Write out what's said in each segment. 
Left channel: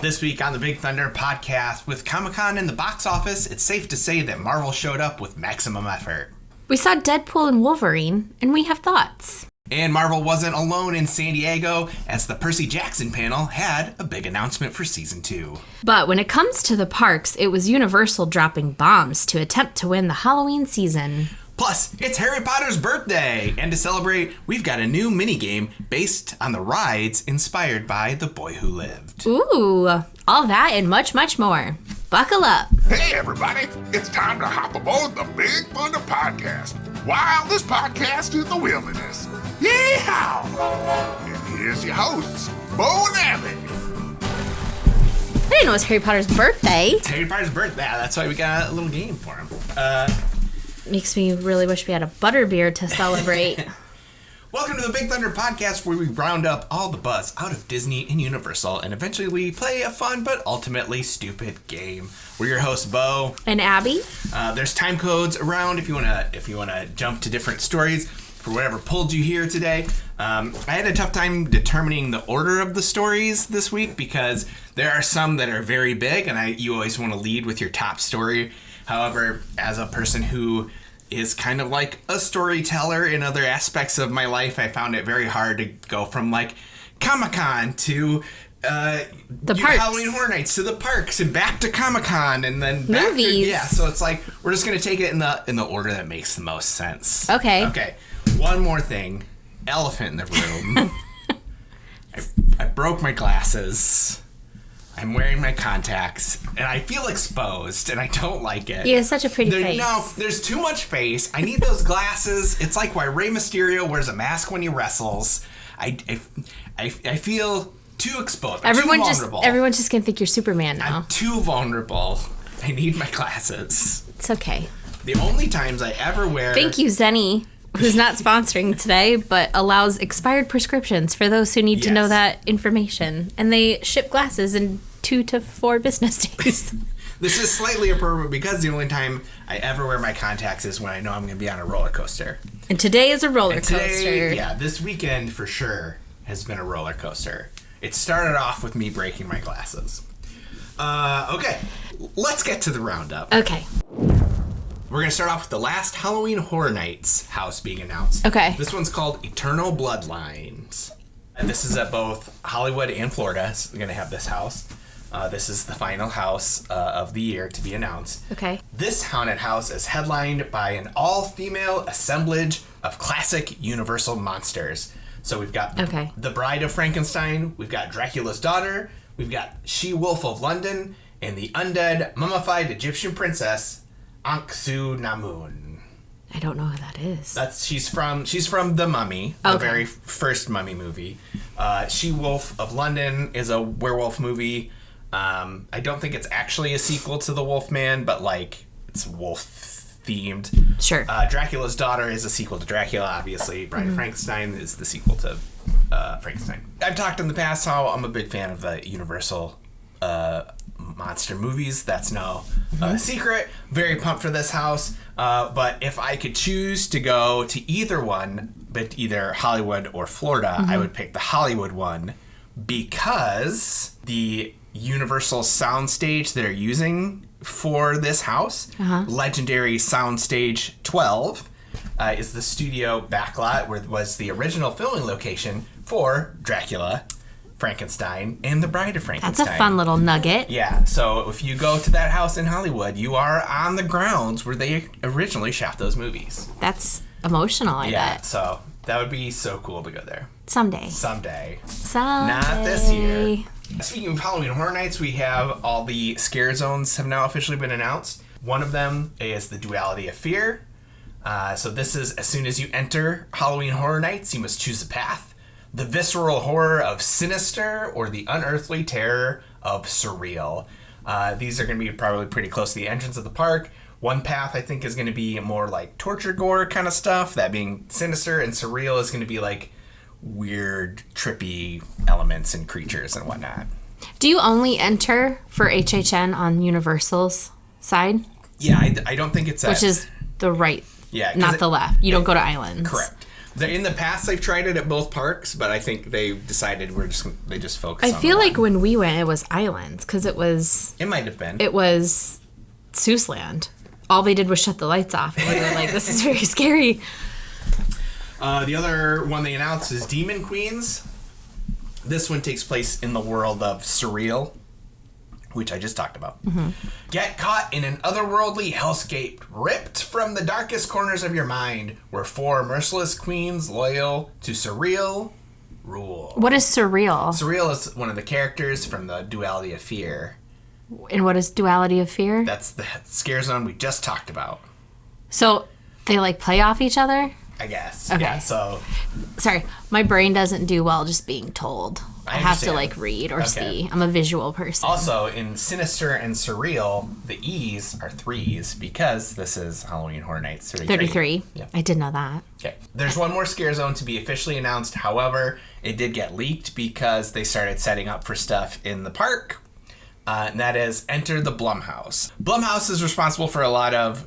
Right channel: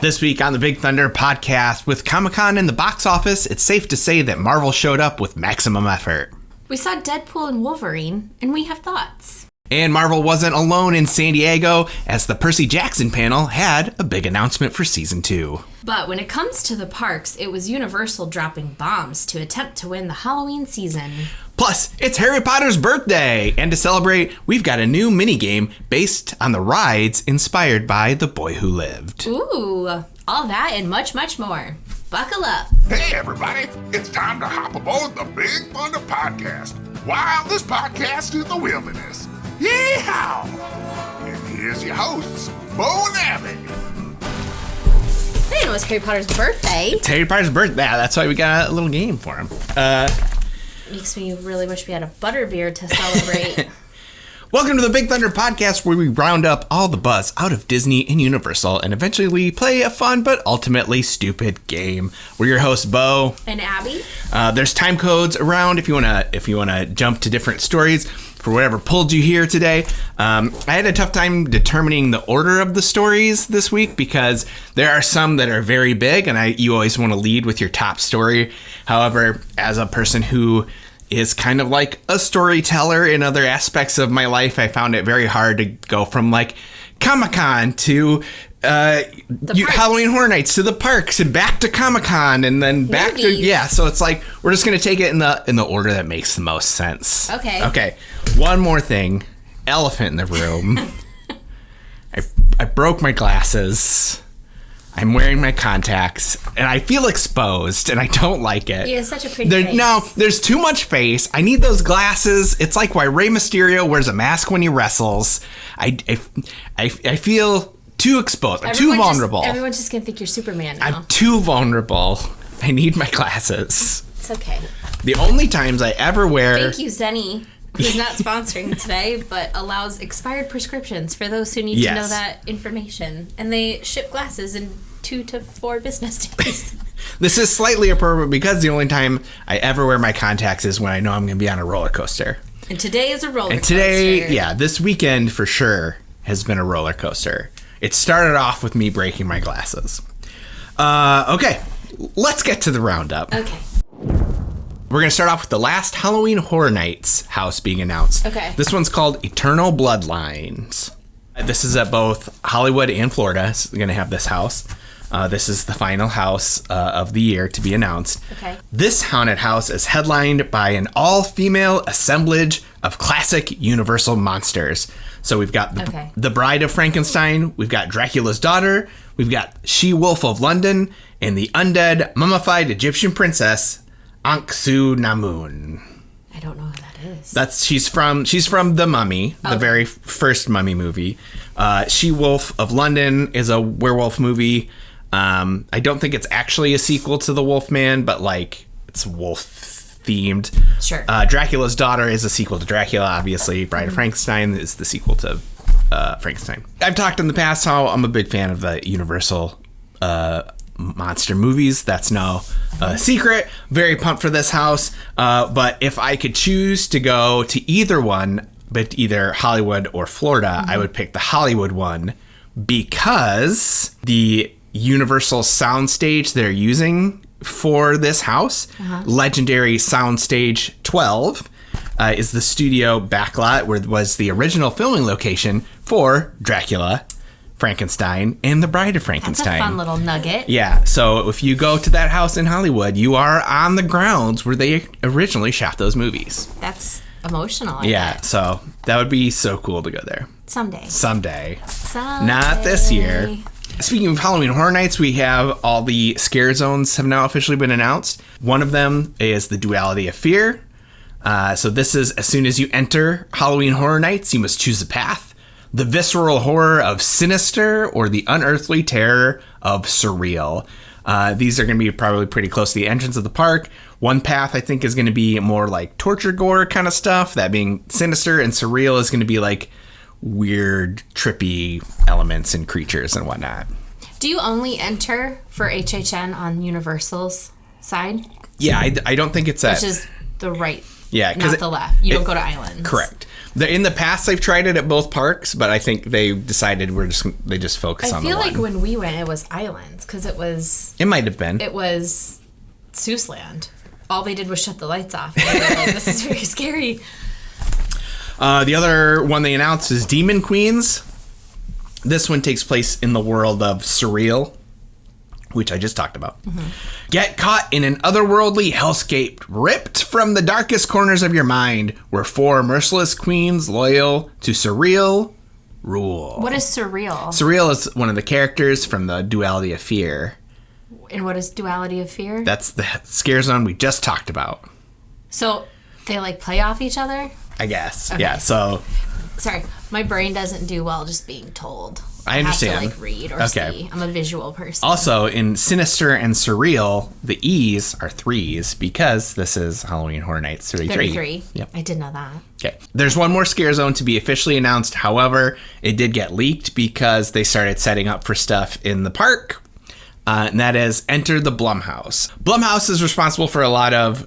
This week on the Big Thunder podcast, with Comic-Con in the box office, it's safe to say that Marvel showed up with maximum effort. We saw Deadpool and Wolverine, and we have thoughts. And Marvel wasn't alone in San Diego, as the Percy Jackson panel had a big announcement for Season 2. But when it comes to the parks, it was Universal dropping bombs to attempt to win the Halloween season. Plus, it's Harry Potter's birthday! And to celebrate, we've got a new minigame based on the rides inspired by The Boy Who Lived. Ooh, all that and much, much more. Buckle up. Hey, everybody. It's time to hop aboard the Big Thunder podcast. Wildest podcast in the wilderness. Yeehaw! And here's your hosts, Beau and Abby. I didn't know it was Harry Potter's birthday. It's Harry Potter's birthday. That's why we got a little game for him. Makes me really wish we had a butterbeer to celebrate. Welcome to the Big Thunder podcast, where we round up all the buzz out of Disney and Universal and eventually play a fun but ultimately stupid game. We're your hosts, Beau And Abby. There's time codes around if you wanna jump to different stories for whatever pulled you here today. I had a tough time determining the order of the stories this week because there are some that are very big, and you always want to lead with your top story. However, as a person who is kind of like a storyteller in other aspects of my life, I found it very hard to go from like Comic-Con to Halloween Horror Nights to the parks and back to Comic-Con and then back to so it's like we're just gonna take it in the order that makes the most sense. Okay, one more thing, elephant in the room. I broke my glasses. I'm wearing my contacts, and I feel exposed, and I don't like it. You have such a pretty face. No, there's too much face. I need those glasses. It's like why Rey Mysterio wears a mask when he wrestles. I feel too exposed. I'm too vulnerable. Everyone's just going to think you're Superman now. I'm too vulnerable. I need my glasses. It's okay. The only times I ever wear... Thank you, Zenny, who's not sponsoring today, but allows expired prescriptions for those who need to know that information. And they ship glasses in 2 to 4 business days. This is slightly appropriate because the only time I ever wear my contacts is when I know I'm going to be on a roller coaster. And today is a roller coaster. This weekend for sure has been a roller coaster. It started off with me breaking my glasses. Okay, let's get to the roundup. Okay. We're going to start off with the last Halloween Horror Nights house being announced. Okay. This one's called Eternal Bloodlines. This is at both Hollywood and Florida. It's going to have this house. This is the final house of the year to be announced. Okay. This haunted house is headlined by an all-female assemblage of classic Universal monsters. So we've got the Bride of Frankenstein, we've got Dracula's daughter, we've got She-Wolf of London, and the undead mummified Egyptian princess, Anck-Su-Namun. I don't know who that is. She's from The Mummy, the very first Mummy movie. She-Wolf of London is a werewolf movie. I don't think it's actually a sequel to The Wolfman, but like it's wolf-themed. Sure. Dracula's Daughter is a sequel to Dracula, obviously. Bride of Frankenstein is the sequel to Frankenstein. I've talked in the past how I'm a big fan of the Universal monster movies. That's no secret. Very pumped for this house. But if I could choose to go to either one, but either Hollywood or Florida, I would pick the Hollywood one because the Universal soundstage they're using for this house, Legendary Soundstage 12, is the studio backlot where was the original filming location for Dracula, Frankenstein, and the Bride of Frankenstein. That's a fun little nugget. Yeah, so if you go to that house in Hollywood, you are on the grounds where they originally shot those movies. That's emotional, I bet. So that would be so cool to go there. Someday. Not this year. Speaking of Halloween Horror Nights, we have all the Scarezones have now officially been announced. One of them is the Duality of Fear. So this is as soon as you enter Halloween Horror Nights, you must choose a path. The visceral horror of sinister or the unearthly terror of surreal. These are going to be probably pretty close to the entrance of the park. One path I think is going to be more like torture gore kind of stuff, that being sinister, and surreal is going to be like weird, trippy elements and creatures and whatnot. Do you only enter for HHN on Universal's side? Yeah, I don't think it's Which is the right Yeah, not the left. You don't go to islands. Correct. In the past, they've tried it at both parks, but I think they decided they just focus on I feel like when we went, it was islands because it was. It might have been. It was Seussland. All they did was shut the lights off. And we were like, this is very scary. The other one they announced is Demon Queens. This one takes place in the world of Surreal, which I just talked about. Mm-hmm. Get caught in an otherworldly hellscape, ripped from the darkest corners of your mind, where 4 merciless queens loyal to Surreal rule. What is Surreal? Surreal is one of the characters from the Duality of Fear. And what is Duality of Fear? That's the scare zone we just talked about. So they like play off each other? I guess. Okay. Yeah, so... Sorry, my brain doesn't do well just being told. I have to like read or see. I'm a visual person. Also, in Sinister and Surreal, the E's are 3s because this is Halloween Horror Nights 33. 33. Yep. I did know that. Okay. There's one more scare zone to be officially announced. However, it did get leaked because they started setting up for stuff in the park. And that is Enter the Blumhouse. Blumhouse is responsible for a lot of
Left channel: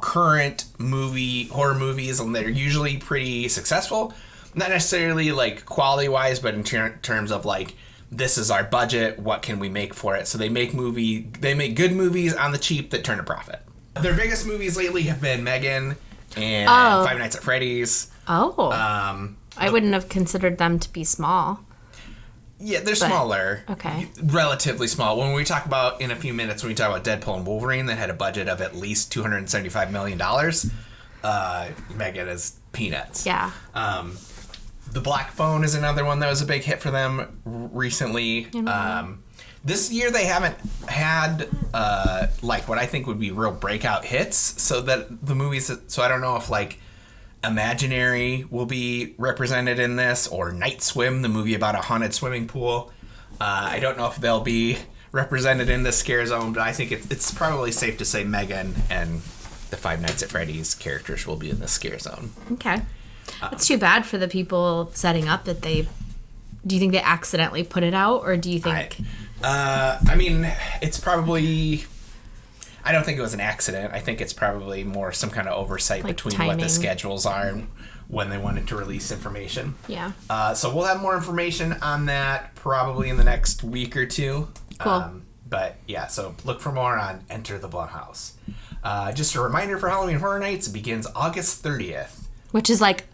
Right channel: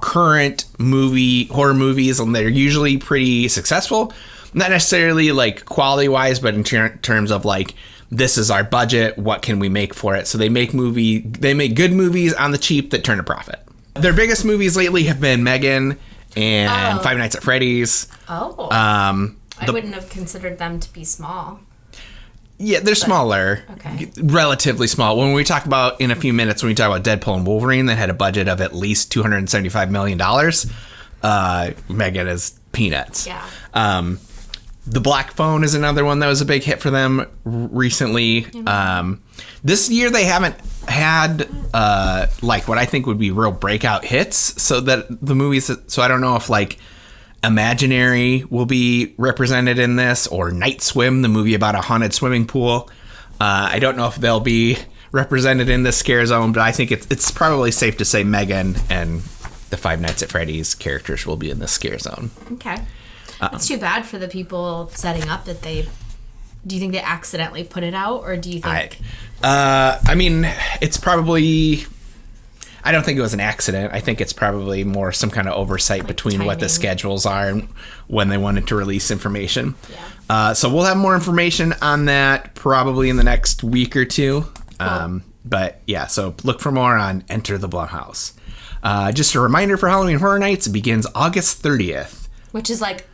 current horror movies, and they're usually pretty successful. Not necessarily like quality wise, but in terms of like, this is our budget, what can we make for it? So they make good movies on the cheap that turn a profit. Their biggest movies lately have been Megan and Five Nights at Freddy's. Oh. I wouldn't have considered them to be small. Yeah, they're smaller. Okay. Relatively small. When we talk about, in a few minutes, when we talk about Deadpool and Wolverine, that had a budget of at least $275 million. Megan is peanuts. Yeah. The Black Phone is another one that was a big hit for them recently. This year they haven't had like what I think would be real breakout hits. So that the movies. So I don't know if like Imaginary will be represented in this, or Night Swim, the movie about a haunted swimming pool. I don't know if they'll be represented in this scare zone, but I think it's probably safe to say Megan and the Five Nights at Freddy's characters will be in this scare zone. Okay. It's too bad for the people setting up that do you think they accidentally put it out, or do you think... I mean, it's probably... I don't think it was an accident. I think it's probably more some kind of oversight like between timing. What the schedules are and when they wanted to release information. Yeah. So we'll have more information on that probably in the next week or two. Cool. But yeah, so look for more on Enter the Blumhouse. Just a reminder for Halloween Horror Nights, it begins August 30th. Which is like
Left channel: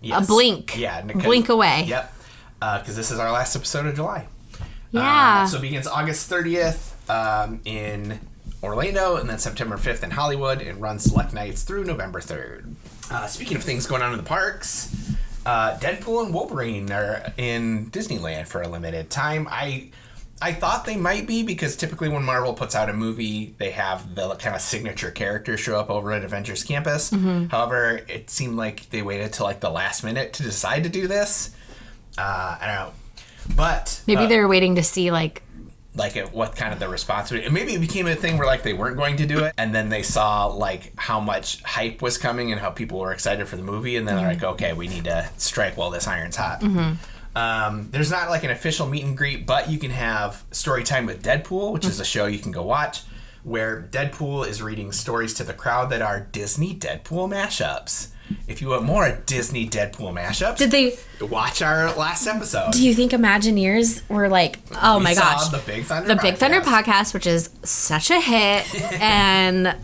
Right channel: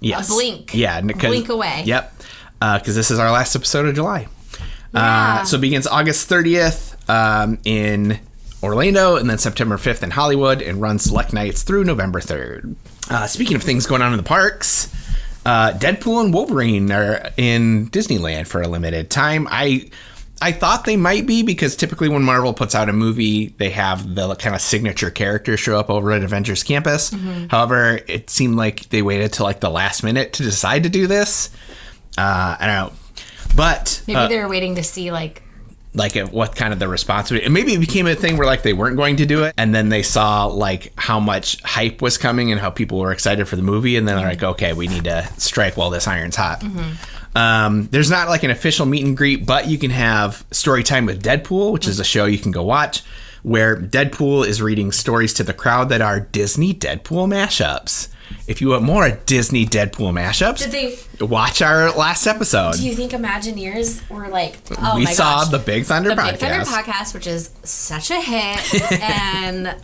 a blink. Yeah. Blink away. Yep. Because this is our last episode of July. Yeah. So it begins August 30th in Orlando, and then September 5th in Hollywood, and runs select nights through November 3rd. Speaking of things going on in the parks, Deadpool and Wolverine are in Disneyland for a limited time. I thought they might be, because typically when Marvel puts out a movie, they have the kind of signature characters show up over at Avengers Campus. Mm-hmm. However, it seemed like they waited till like the last minute to decide to do this. I don't know. But maybe they were waiting to see what kind of the response would be. And maybe it became a thing where like they weren't going to do it, and then they saw like how much hype was coming and how people were excited for the movie, and then they're like, okay, we need to strike while this iron's hot. Mm-hmm. There's not like an official meet and greet, but you can have story time with Deadpool, which is a show you can go watch, where Deadpool is reading stories to the crowd that are Disney Deadpool mashups. If you want more Disney Deadpool mashups, did they watch our last episode? Do you think Imagineers were like, oh my gosh, we saw the Big Thunder podcast. The Big Thunder podcast, which is such a hit, and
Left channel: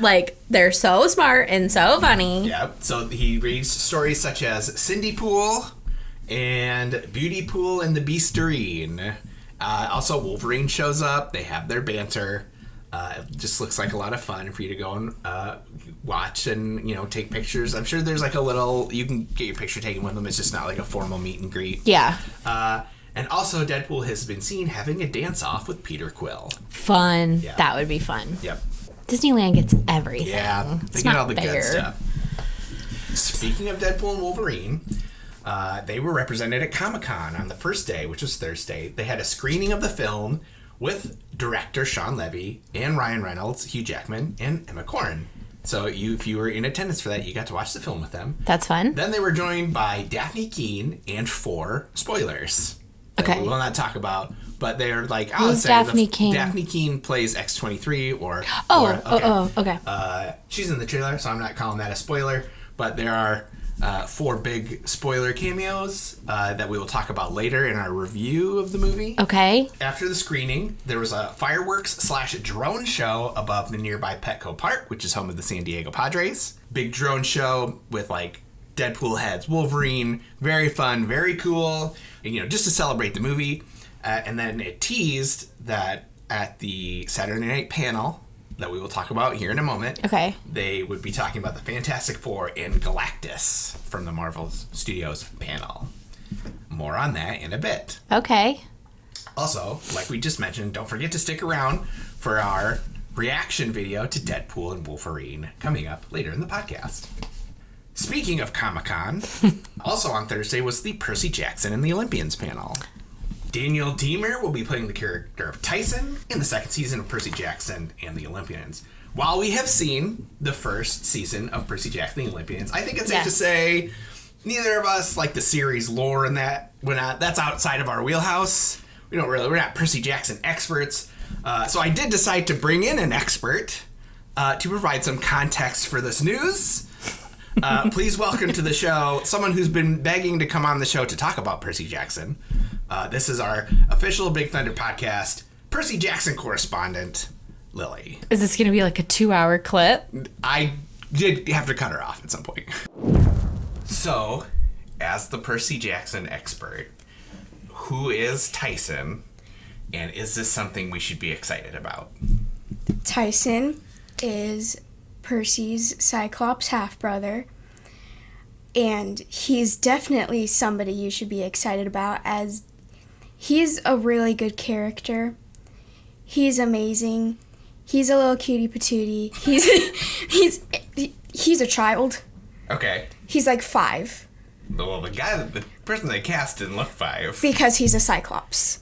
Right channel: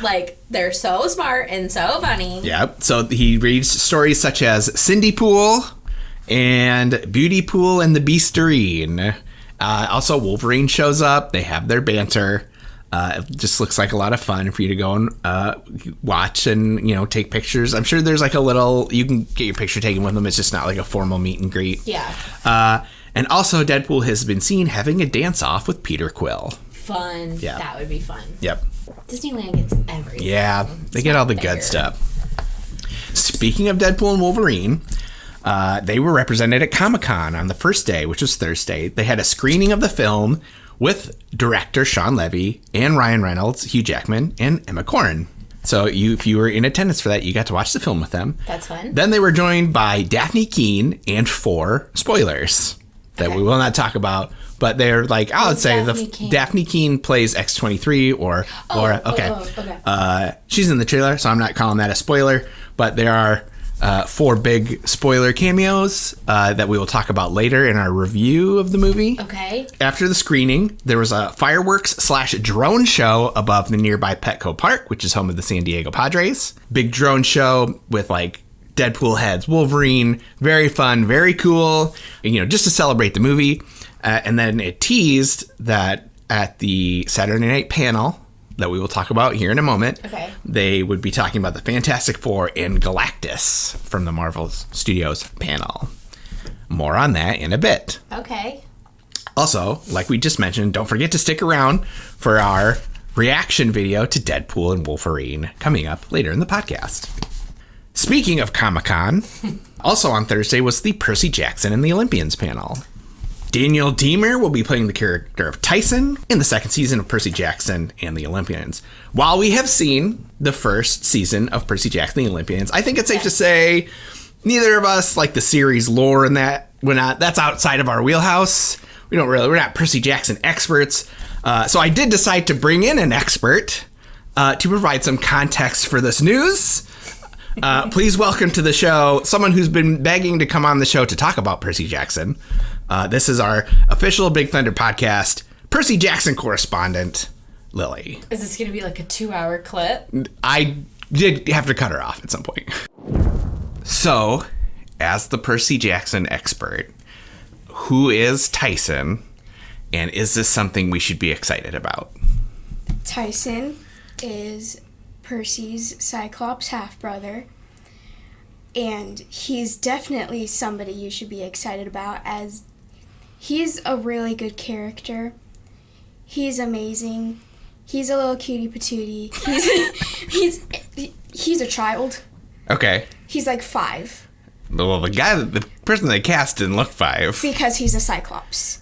like they're so smart and so funny. Yep. So he reads stories such as Cindy Pool and Beauty Pool and the Beasterine. Also, Wolverine shows up. They have their banter. It just looks like a lot of fun for you to go and watch and, take pictures. I'm sure there's like you can get your picture taken with them. It's just not like a formal meet and greet. Yeah. And also Deadpool has been seen having a dance off with Peter Quill. Fun. Yeah. That would be fun. Yep. Disneyland gets everything. Yeah. They get all the good stuff. Speaking of Deadpool and Wolverine, they were represented at Comic-Con on the first day, which was Thursday. They had a screening of the film with director Sean Levy and Ryan Reynolds, Hugh Jackman, and Emma Corrin. So if you were in attendance for that, you got to watch the film with them. That's fun. Then they were joined by Daphne Keane and 4 spoilers that we will not talk about. but they're like, I would say Daphne Keane? Daphne Keane plays X-23 or okay. She's in the trailer, so I'm not calling that a spoiler, but there are 4 big spoiler cameos that we will talk about later in our review of the movie. Okay. After the screening, there was a fireworks/drone show above the nearby Petco Park, which is home of the San Diego Padres. Big drone show with like Deadpool heads, Wolverine, very fun, very cool, just to celebrate the movie. And then it teased that at the Saturday night panel that we will talk about here in a moment, okay, they would be talking about the Fantastic Four and Galactus from the Marvel Studios panel. More on that in a bit. Okay. Also, like we just mentioned, don't forget to stick around for our reaction video to Deadpool and Wolverine coming up later in the podcast. Speaking of Comic-Con, also on Thursday was the Percy Jackson and the Olympians panel. Daniel Diemer will be playing the character of Tyson in the second season of Percy Jackson and the Olympians. While we have seen the first season of Percy Jackson and the Olympians, I think it's safe to say neither of us like the series lore and that. That's outside of our wheelhouse. We're not Percy Jackson experts. So I did decide to bring in an expert to provide some context for this news. Please welcome to the show someone who's been begging to come on the show to talk about Percy Jackson. This is our official Big Thunder podcast, Percy Jackson correspondent, Lily. Is this going to be like a 2-hour clip? I did have to cut her off at some point. So, as the Percy Jackson expert, who is Tyson, and is this something we should be excited about? Tyson is Percy's Cyclops half-brother, and he's definitely somebody you should be excited about, as he's a really good character. He's amazing. He's a little cutie patootie. He's a child. Okay. He's like 5. Well, the person they cast didn't look 5. Because he's a Cyclops.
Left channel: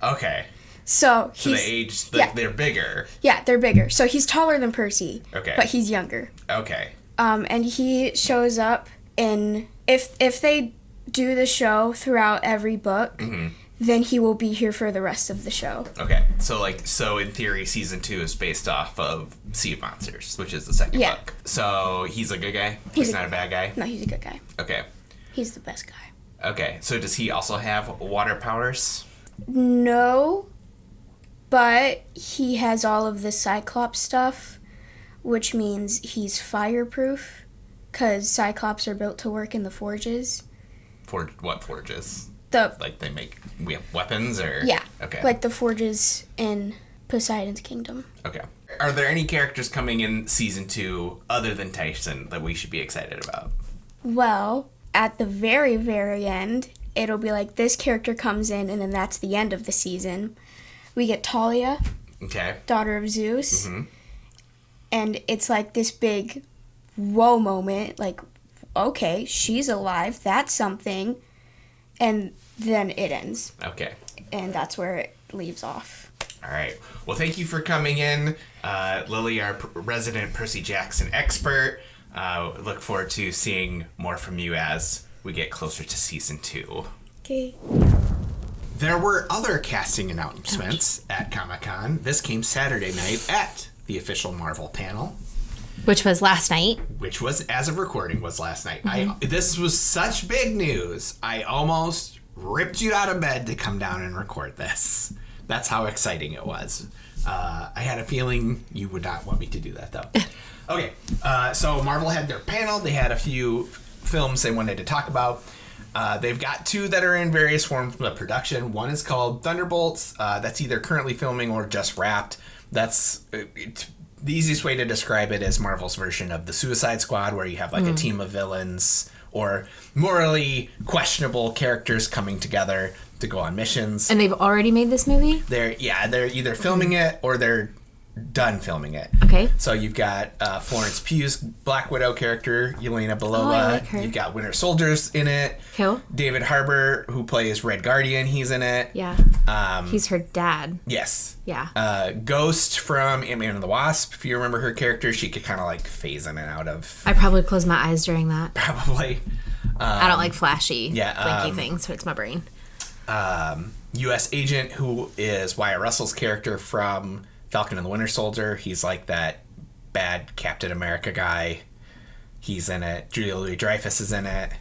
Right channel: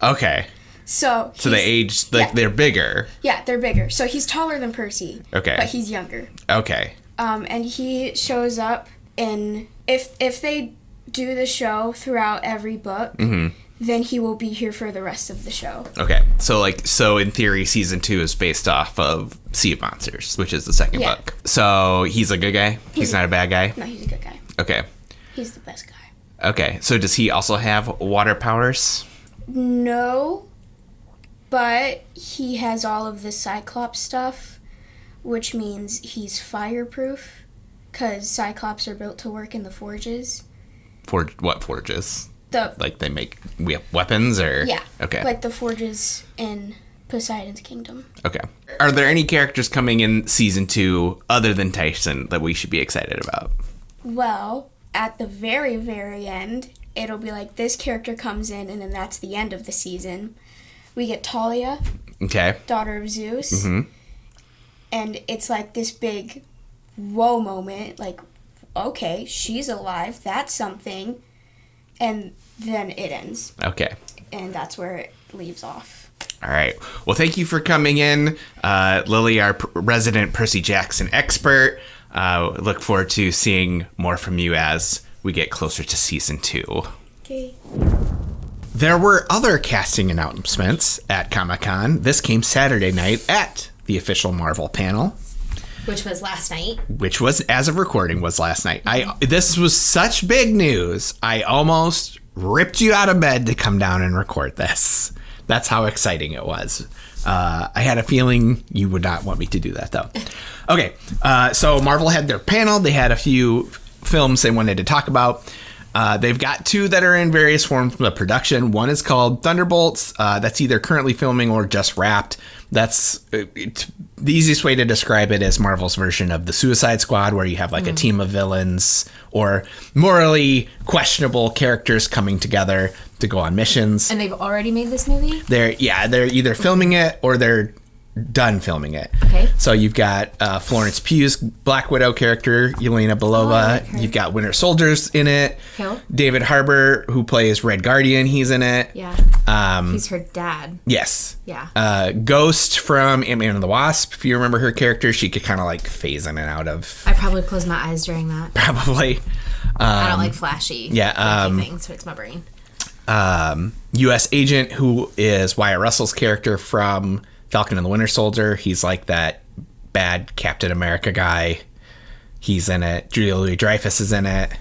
Okay. So they age, they're bigger. Yeah, they're bigger. So he's taller than Percy. Okay. But he's younger. Okay. And he shows up in, if they do the show throughout every book, then he will be here for the rest of the show. Okay. So in theory, season 2 is based off of Sea of Monsters, which is the second book. So he's a good guy? He's not a bad guy? No, he's a good guy. Okay. He's the best guy. Okay. So does he also have water powers? No, but he has all of the Cyclops stuff, which means he's fireproof, because Cyclops are built to work in the forges. What forges? Like they make weapons, or? Yeah. Okay. Like the forges in Poseidon's kingdom. Okay. Are there any characters coming in season 2 other than Tyson that we should be excited about? Well, at the very, very end, it'll be like this character comes in, and then that's the end of the season. We get Talia, daughter of Zeus, and it's like this big whoa moment, like, okay, she's alive, that's something, and then it ends. Okay. And that's where it leaves off. All right. Well, thank you for coming in, Lily, our resident Percy Jackson expert. Look forward to seeing more from you as we get closer to season 2. Okay. There were other casting announcements at Comic-Con. This came Saturday night at the official Marvel panel. Which was last night. Which was, as of recording, was last night. This was such big news, I almost ripped you out of bed to come down and record this. That's how exciting it was. I had a feeling you would not want me to do that, though. Okay, so Marvel had their panel. They had a few films they wanted to talk about. They've got 2 that are in various forms of production. One is called Thunderbolts. That's either currently filming or just wrapped. That's the easiest way to describe it is Marvel's version of the Suicide Squad, where you have like a team of villains or morally questionable characters coming together to go on missions. And they've already made this movie? They're either filming it or they're done filming it. Okay. So you've got Florence Pugh's Black Widow character, Yelena Belova. I like her. You've got Winter Soldier's in it. Cool. David Harbour, who plays Red Guardian, he's in it. Yeah. He's her dad. Yes. Yeah. Ghost from Ant-Man and the Wasp, if you remember her character, she could kind of like phase in and out of. I probably closed my eyes during that. Probably. I don't like flashy things, so it's my brain. U.S. agent who is Wyatt Russell's character from Falcon and the Winter Soldier. He's like that bad Captain America guy. He's in it. Julia Louis-Dreyfus is in it.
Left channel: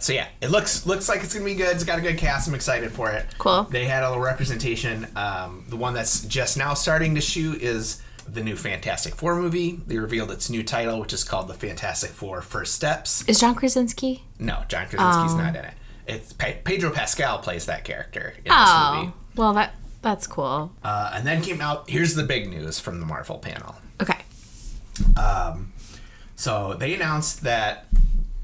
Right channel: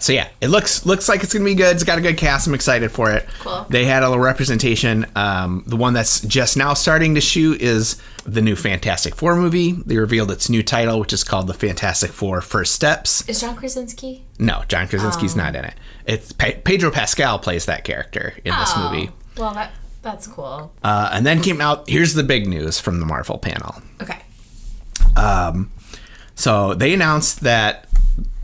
So yeah, it looks like it's gonna be good. It's got a good cast. I'm excited for it. Cool. They had a little representation. The one that's just now starting to shoot is the new Fantastic Four movie. They revealed its new title, which is called The Fantastic Four: First Steps. Is John Krasinski? No, John Krasinski's not in it. It's Pedro Pascal plays that character in this movie. Well, that's cool. And then came out. Here's the big news from the Marvel panel. Okay. So they announced that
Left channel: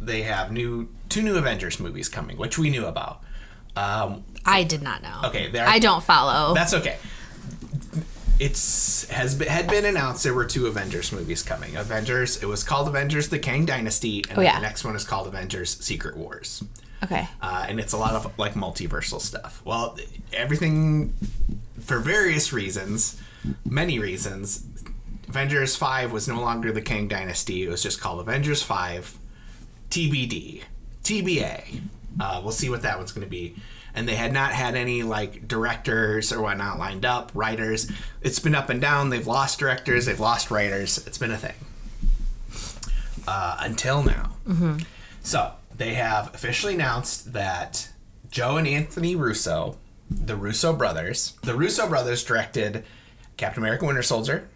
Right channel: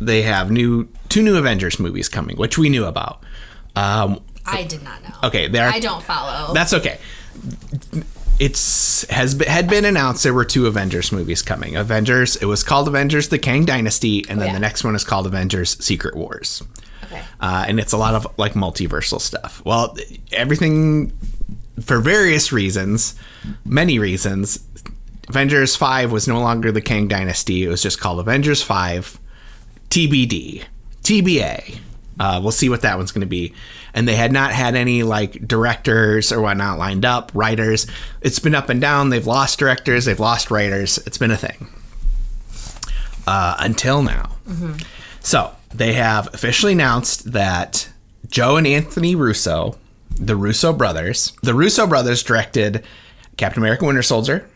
they have two new Avengers movies coming, which we knew about. I did not know. Okay, I don't follow. That's okay. Had been announced there were two Avengers movies coming. It was called Avengers: The Kang Dynasty, and then the next one is called Avengers: Secret Wars. Okay. And it's a lot of like multiversal stuff. Well, everything for various reasons, many reasons. Avengers 5 was no longer the Kang Dynasty. It was just called Avengers 5. TBD. TBA. We'll see what that one's going to be. And they had not had any like directors or whatnot lined up, writers. It's been up and down. They've lost directors. They've lost writers. It's been a thing. Until now. Mm-hmm. So they have officially announced that Joe and Anthony Russo, the Russo brothers directed Captain America: Winter Soldier,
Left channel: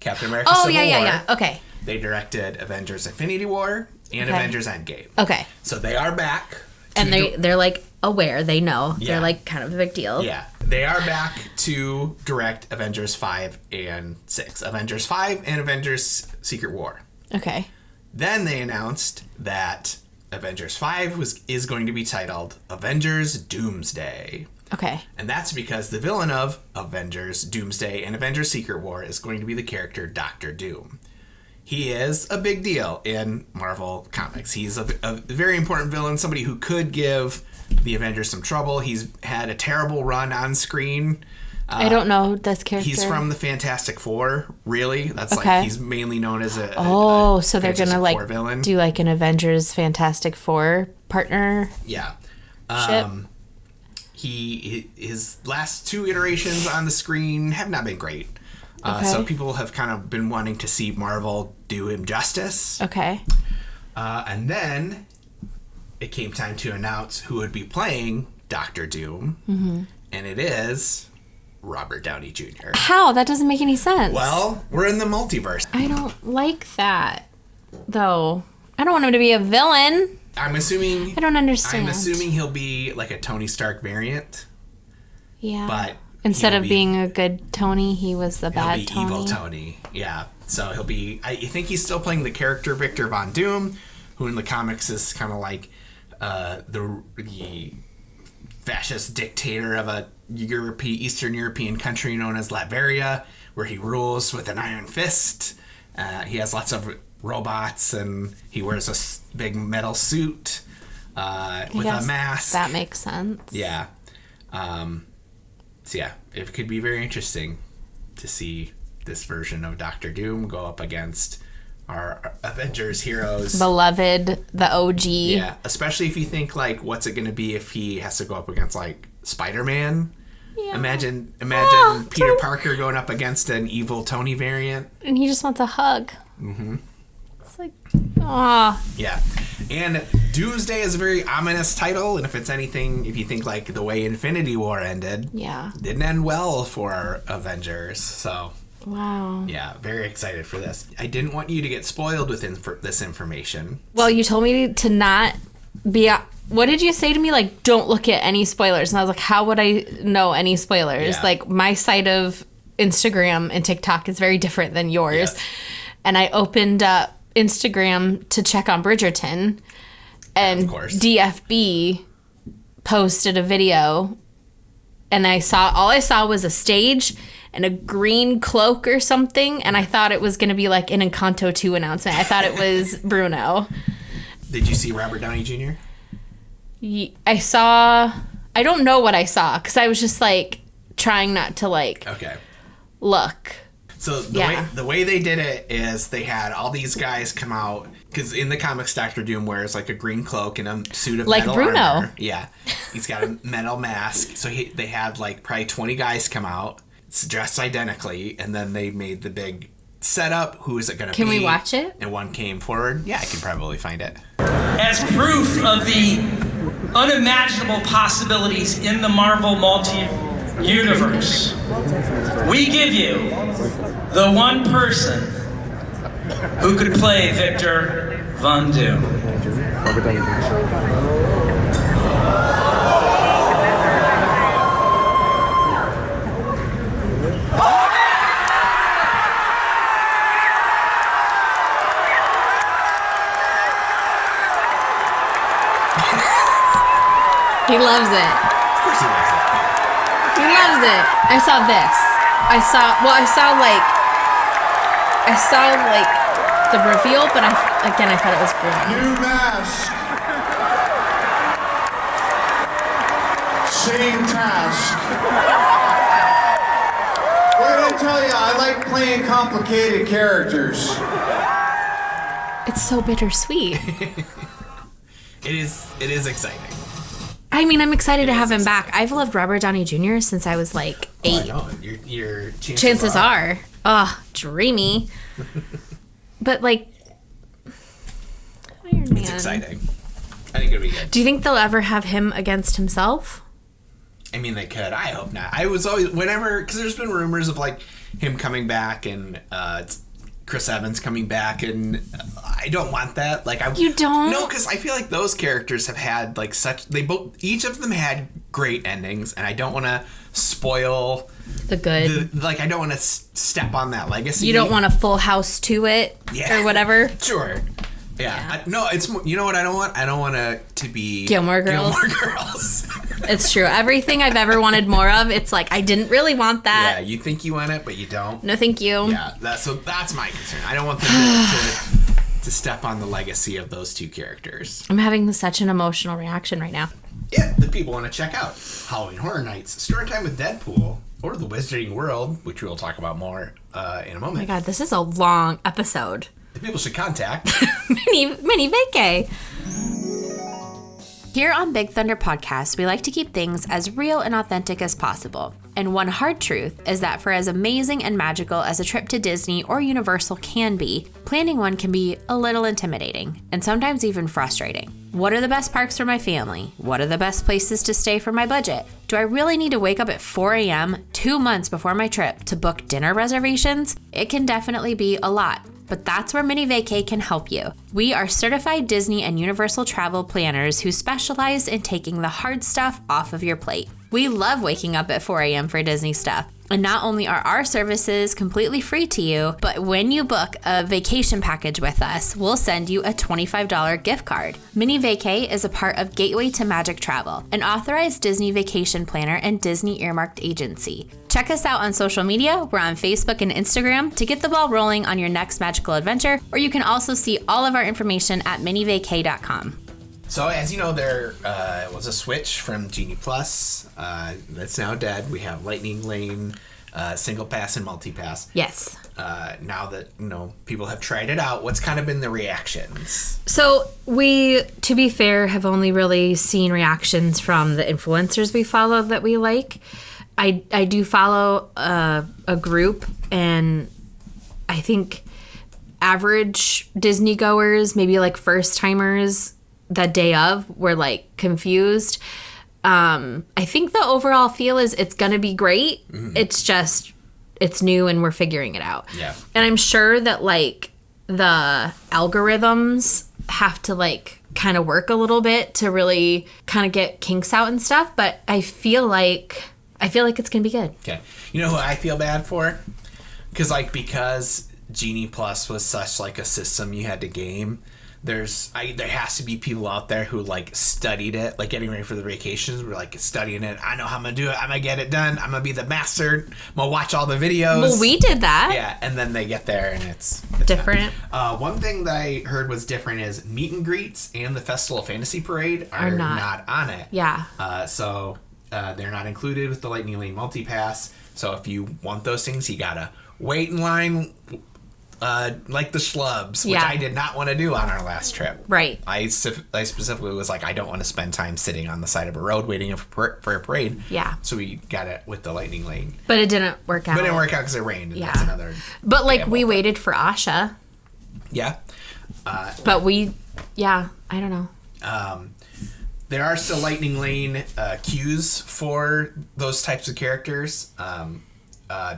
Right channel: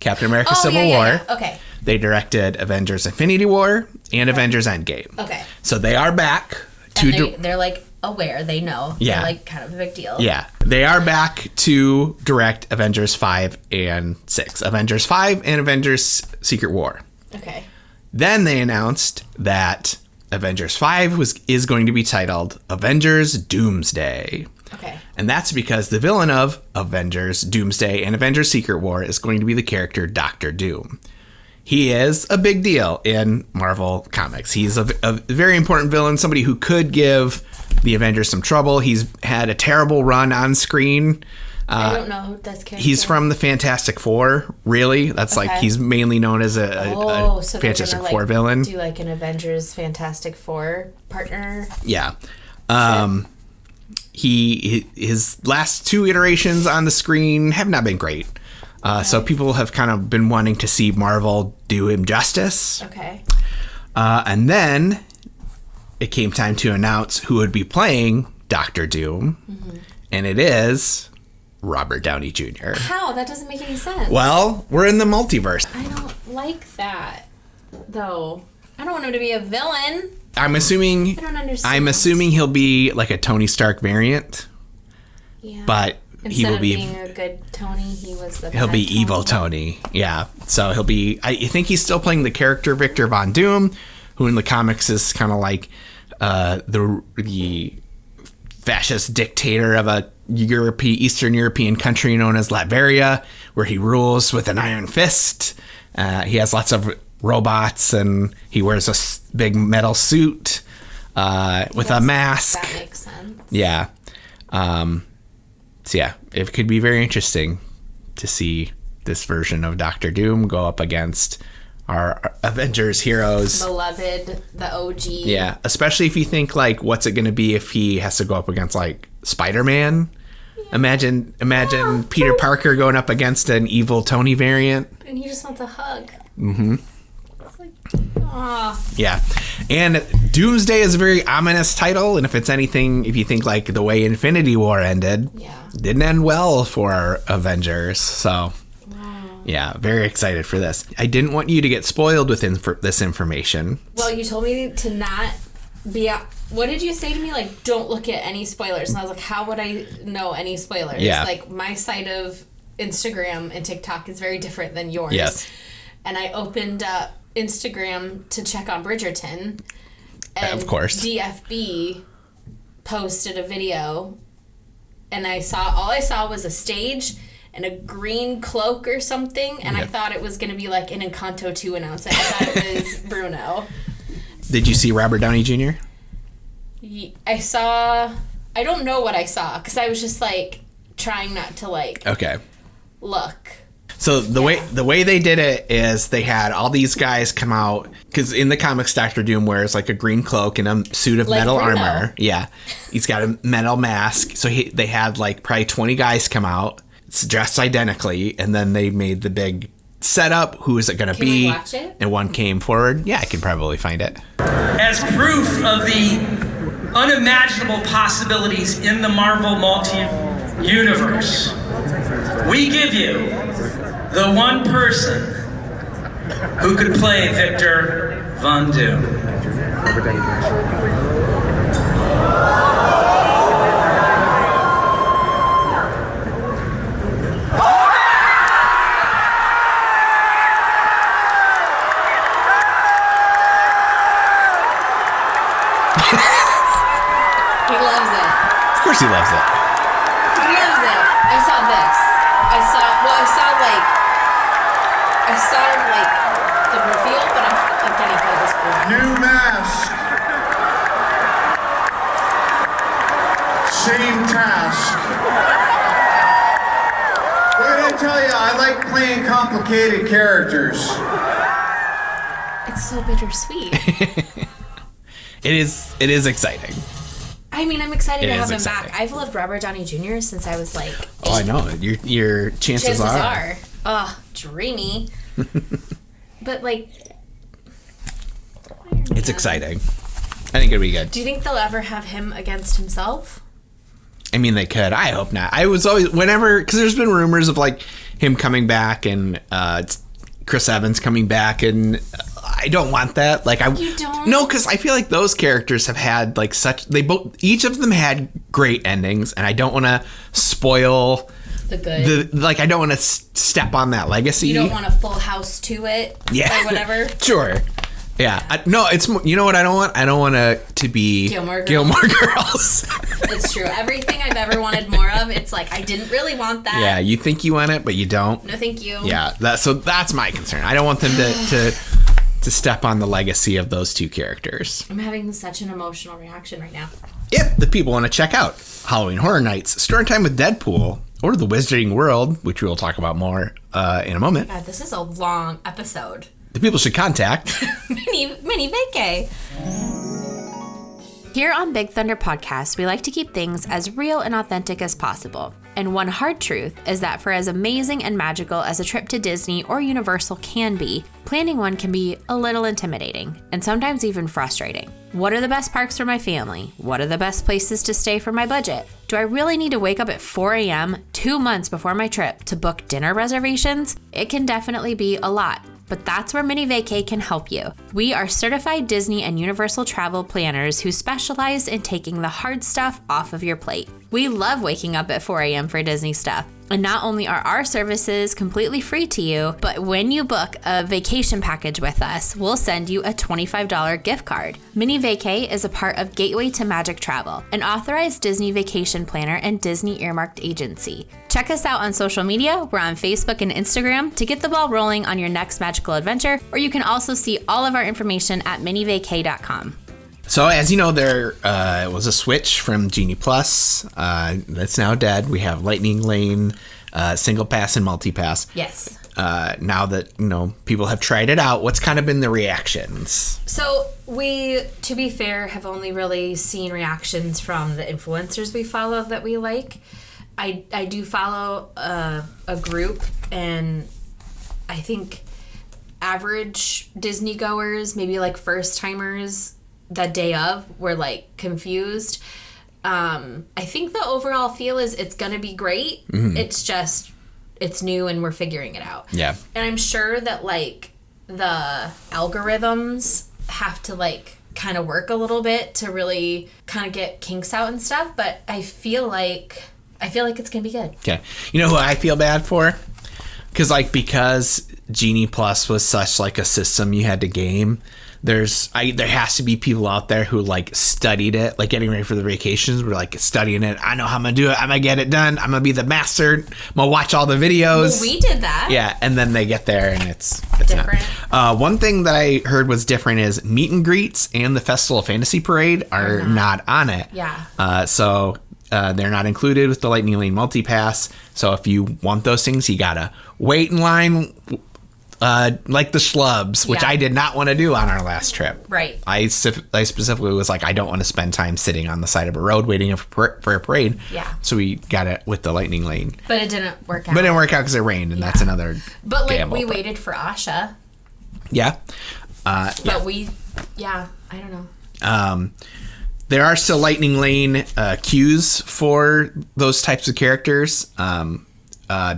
Captain America: Civil War. Yeah. Okay. They directed Avengers: Infinity War and Avengers: Endgame. Okay. So they are back. And they're like aware. They know. Yeah. They're like kind of a big deal. Yeah. They are back to direct Avengers 5 and 6. Avengers 5 and Avengers: Secret War. Okay. Then they announced that Avengers 5 is going to be titled Avengers: Doomsday. Okay. And that's because the villain of Avengers: Doomsday and Avengers: Secret War is going to be the character Doctor Doom. He is a big deal in Marvel Comics. He's a very important villain, somebody who could give the Avengers some trouble. He's had a terrible run on screen. I don't know this character. He's from the Fantastic Four, really. That's like, he's mainly known as a so they're Fantastic gonna Four villain. Do like an Avengers Fantastic Four partner. Yeah. His last two iterations on the screen have not been great. So people have kind of been wanting to see Marvel do him justice. Okay. And then it came time to announce who would be playing Doctor Doom. Mm-hmm. And it is Robert Downey Jr. How? That doesn't make any sense. Well, we're in the multiverse. I don't like that, though. I don't want him to be a villain. I'm assuming... I don't understand. I'm assuming he'll be like a Tony Stark variant. Yeah. But... Instead of being a good Tony, he was the bad He'll be Tony. evil Tony. Yeah. So he'll be... I think he's still playing the character Victor Von Doom, who in the comics is kind of like the fascist dictator of a Eastern European country known as Latveria, where he rules with an iron fist. He has lots of robots, and he wears a big metal suit with a mask. That makes sense. Yeah. So yeah, it could be very interesting to see this version of Doctor Doom go up against our Avengers heroes. Beloved, the OG. Yeah, especially if you think, like, what's it going to be if he has to go up against, like, Spider-Man? Yeah. Imagine Peter Parker going up against an evil Tony variant. And he just wants a hug. Mm-hmm. It's like, aw. Yeah. And Doomsday is a very ominous title, and if it's anything, if you think, like, the way Infinity War ended, didn't end well for Avengers, so... Wow. Yeah, very excited for this. I didn't want you to get spoiled with this information. Well, you told me to not be... What did you say to me? Like, don't look at any spoilers. And I was like, how would I know any spoilers? Yeah. Like, my site of Instagram and TikTok is very different than yours. Yes. And I opened up Instagram to check on Bridgerton. And of course. DFB posted a video. And all I saw was a stage and a green cloak or something, and I thought it was going to be like an Encanto 2 announcement. I thought it was Bruno. Did you see Robert Downey Jr.? I don't know what I saw, because I was just like trying not to like okay. look. So the way they did it is they had all these guys come out, because in the comics Doctor Doom wears like a green cloak and a suit of metal armor. Yeah, he's got a metal mask. So they had like probably 20 guys come out, dressed identically, and then they made the big setup. Who is it going to be? Can we watch it? And one came forward. Yeah, I can probably find it. As proof of the unimaginable possibilities in the Marvel multi-universe, we give you the one person who could play Victor Von Doom. He loves it. Of course he loves it. He loves it. I saw this. I saw the reveal, but I thought it was brilliant. New mask. Same task. What did I tell you? I like playing complicated characters. It's so bittersweet. It is exciting. I mean, I'm excited to have him back. I've loved Robert Downey Jr. since I was like 8. Oh, I know. Your chances are. Oh, dreamy. But like, it's exciting. I think it'll be good. Do you think they'll ever have him against himself? I mean, they could. I hope not. I was always, because there's been rumors of like him coming back and Chris Evans coming back, and I don't want that. Like, you don't? No, because I feel like those characters have had like each of them had great endings, and I don't want to spoil the good. I don't want to step on that legacy. You don't want a Full House to it, or whatever. Sure. Yeah. No, it's, you know what I don't want? I don't want it to be Gilmore Girls. It's true. Everything I've ever wanted more of, it's like, I didn't really want that. Yeah, you think you want it, but you don't. No, thank you. Yeah, that's my concern. I don't want them to step on the legacy of those two characters. I'm having such an emotional reaction right now. If the people want to check out Halloween Horror Nights, Story Time with Deadpool, or The Wizarding World, which we will talk about more in a moment. Oh my God, this is a long episode. The people should contact Minnie Vacay. Here on Big Thunder Podcast, we like to keep things as real and authentic as possible. And one hard truth is that for as amazing and magical as a trip to Disney or Universal can be, planning one can be a little intimidating and sometimes even frustrating. What are the best parks for my family? What are the best places to stay for my budget? Do I really need to wake up at 4 a.m. 2 months before my trip to book dinner reservations? It can definitely be a lot. But that's where Minnie Vacay can help you. We are certified Disney and Universal travel planners who specialize in taking the hard stuff off of your plate. We love waking up at 4 a.m. for Disney stuff. And not only are our services completely free to you, but when you book a vacation package with us, we'll send you a $25 gift card. Minnie Vacay is a part of Gateway to Magic Travel, an authorized Disney vacation planner and Disney earmarked agency. Check us out on social media. We're on Facebook and Instagram to get the ball rolling on your next magical adventure, or you can also see all of our information at minnievacay.com. So, as you know, there was a switch from Genie Plus. That's now dead. We have Lightning Lane, Single Pass, and Multi Pass. Yes. Now that, people have tried it out, what's kind of been the reactions? So, we, to be fair, have only really seen reactions from the influencers we follow that we like. I do follow a group, and I think average Disney goers, maybe like first timers, the day of, were like confused. I think the overall feel is it's gonna be great. Mm-hmm. It's just, it's new and we're figuring it out. Yeah. And I'm sure that like the algorithms have to like kind of work a little bit to really kind of get kinks out and stuff. But I feel like it's gonna be good. Okay. You know who I feel bad for? Because Genie Plus was such like a system you had to game. There has to be people out there who like studied it, like getting ready for the vacations. We're like studying it. I know how I'm gonna do it. I'm gonna get it done. I'm gonna be the master. I'm gonna watch all the videos. Well, we did that. Yeah, and then they get there and it's different. One thing that I heard was different is meet and greets and the Festival of Fantasy Parade are not on it. Yeah. So They're not included with the Lightning Lane Multipass. So if you want those things, you gotta wait in line like the schlubs, which I did not want to do on our last trip. Right. I specifically was like, I don't want to spend time sitting on the side of a road waiting for a parade. Yeah. So we got it with the Lightning Lane. But it didn't work out. But it didn't work out because it rained, and that's another. But like we waited for Asha. Yeah. But I don't know. There are still Lightning Lane queues for those types of characters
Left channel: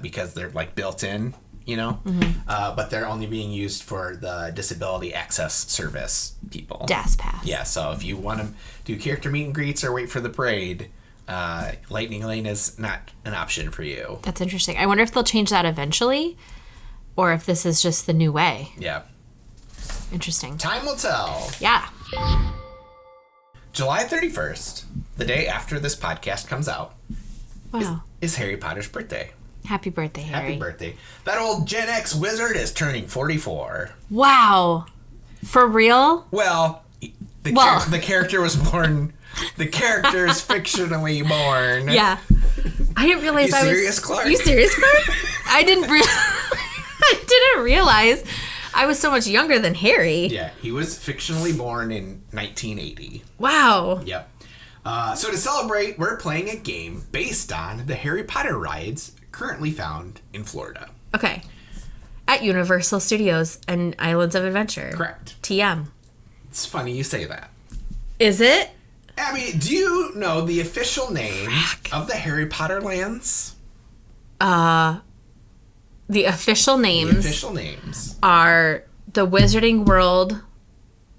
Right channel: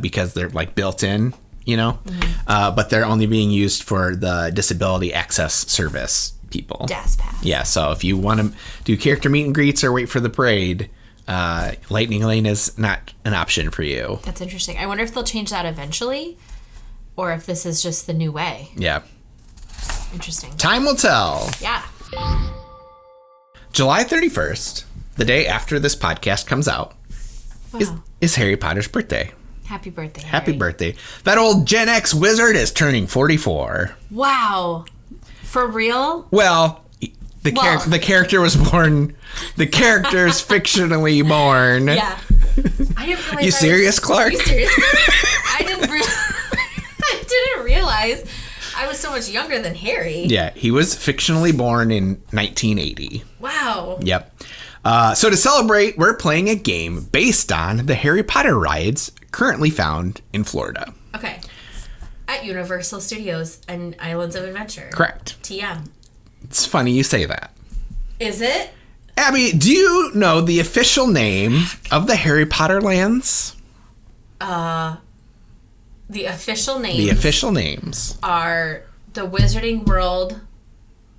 because they're like built in, you know, but they're only being used for the Disability Access Service people. DAS Pass. Yeah, so if you want to do character meet and greets or wait for the parade, Lightning Lane is not an option for you. That's interesting. I wonder if they'll change that eventually, or if this is just the new way. Yeah. Interesting. Time will tell. Yeah. July 31st, the day after this podcast comes out, is Harry Potter's birthday. Happy birthday, Harry. Happy birthday. That old Gen X wizard is turning 44. Wow. For real? Well, the character was born. The character is fictionally born. Yeah. I didn't realize. You serious, Clark? Are you serious, Clark? I didn't realize I was so much younger than Harry. Yeah, he was fictionally born in 1980. Wow. Yep. So to celebrate, we're playing a game based on the Harry Potter rides currently found in Florida. Okay. At Universal Studios and Islands of Adventure. Correct. TM. It's funny you say that. Is it? Abby, do you know the official name of the Harry Potter lands? The official names. The official names are the Wizarding World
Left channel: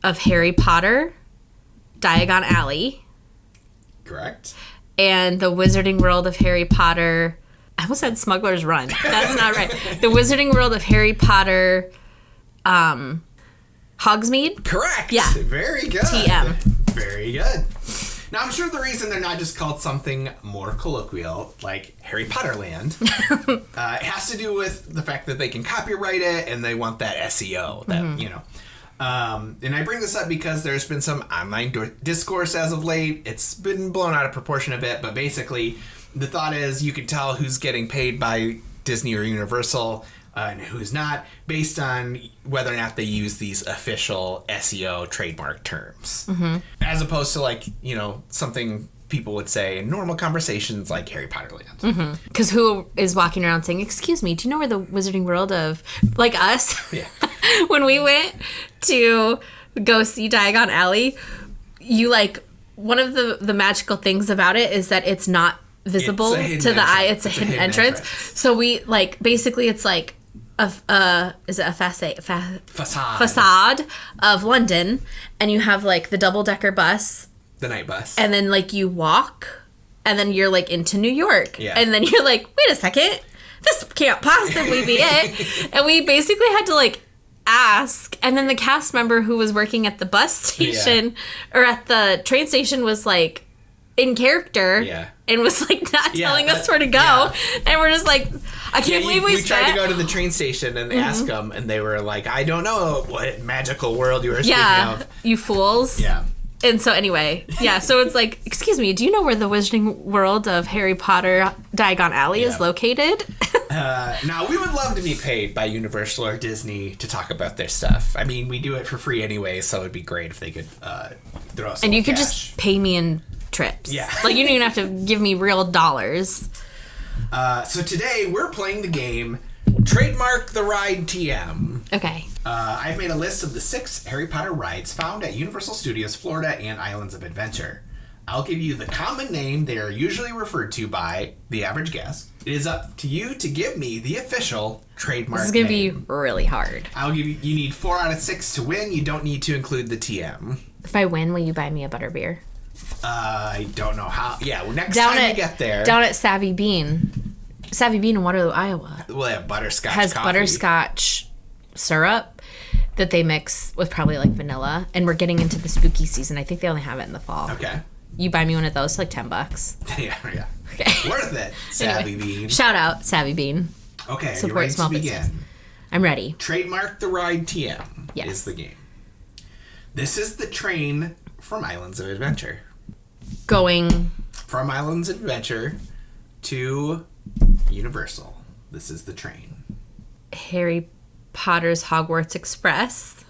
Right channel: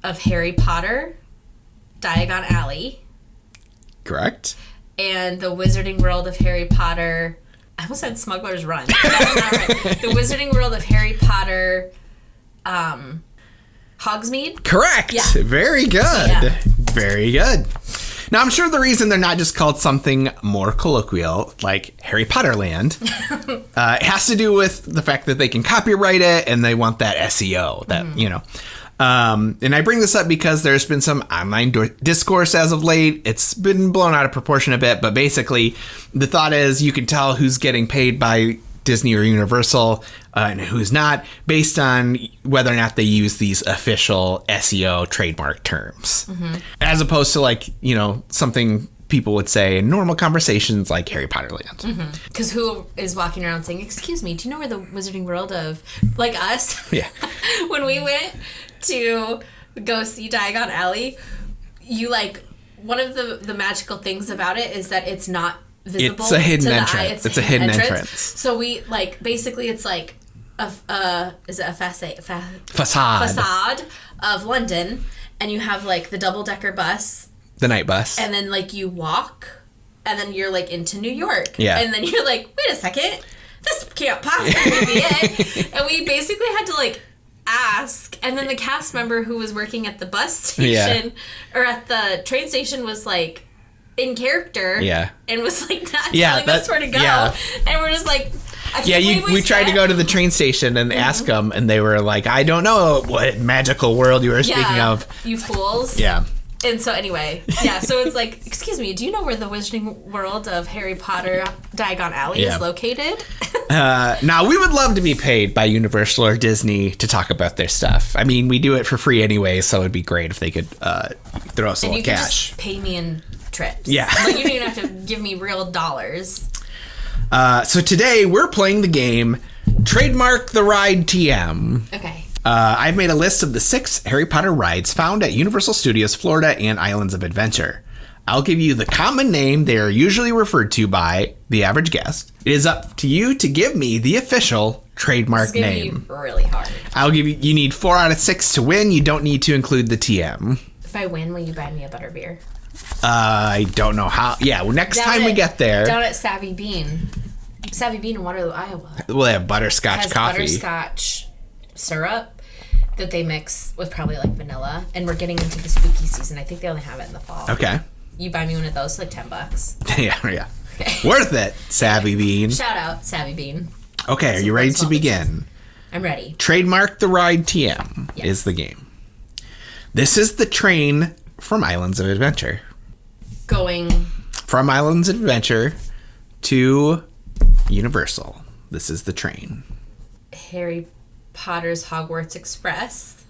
of Harry Potter, Diagon Alley. Correct. And the Wizarding World of Harry Potter. I almost said Smuggler's Run. That's not right. The Wizarding World of Harry Potter, Hogsmeade. Correct. Yeah. Very good. TM. Very good. Now, I'm sure the reason they're not just called something more colloquial, like Harry Potter Land, it has to do with the fact that they can copyright it and they want that SEO, that, you know. And I bring this up because there's been some online discourse as of late. It's been blown out of proportion a bit, but basically the thought is you can tell who's getting paid by Disney or Universal and who's not based on whether or not they use these official SEO trademark terms, as opposed to like, you know, something people would say in normal conversations like Harry Potter Land. Because who is walking around saying, excuse me, do you know where the Wizarding World of, like us? Yeah. When we went to go see Diagon Alley, you like, one of the magical things about it is that it's not visible to the eye. It's a hidden entrance. So we like, basically it's like is it a facade of London, and you have like the double-decker bus, the night bus, and then like you walk, and then you're like into New York, and then you're like, wait a second, this can't possibly be it. And we basically had to like ask, and then the cast member who was working at the bus station or at the train station was like in character, and was like not telling us where to go, and we're just like, I can't believe we tried to go to the train station and ask them, and they were like, I don't know what magical world you were speaking of. You fools. Yeah. And so anyway, so it's like, excuse me, do you know where the Wizarding World of Harry Potter Diagon Alley is located? Now, we would love to be paid by Universal or Disney to talk about their stuff. I mean, we do it for free anyway, so it'd be great if they could throw us a little cash. And you could just pay me in trips. Yeah. Like, you don't even have to give me real dollars. So today, we're playing the game Trademark the Ride TM. Okay. I've made a list of the 6 Harry Potter rides found at Universal Studios Florida and Islands of Adventure. I'll give you the common name they are usually referred to by the average guest. It is up to you to give me the official trademark name. This is going to be really hard. I'll give you, you need 4 out of 6 to win. You don't need to include the TM. If I win, will you buy me a butterbeer? I don't know how. Yeah, well, next time we get there. Down at Savvy Bean in Waterloo, Iowa. We'll have butterscotch has coffee. Butterscotch syrup that they mix with probably like vanilla. And we're getting into the spooky season. I think they only have it in the fall. Okay. You buy me one of those for like $10. Yeah. Okay. Worth it, Savvy Bean. Shout out, Savvy Bean. Okay, are you ready to begin? I'm ready. Trademark the Ride TM is the game. This is the train from Islands of Adventure. Going from Islands of Adventure to Universal. This is the train. Harry Potter's Hogwarts Express.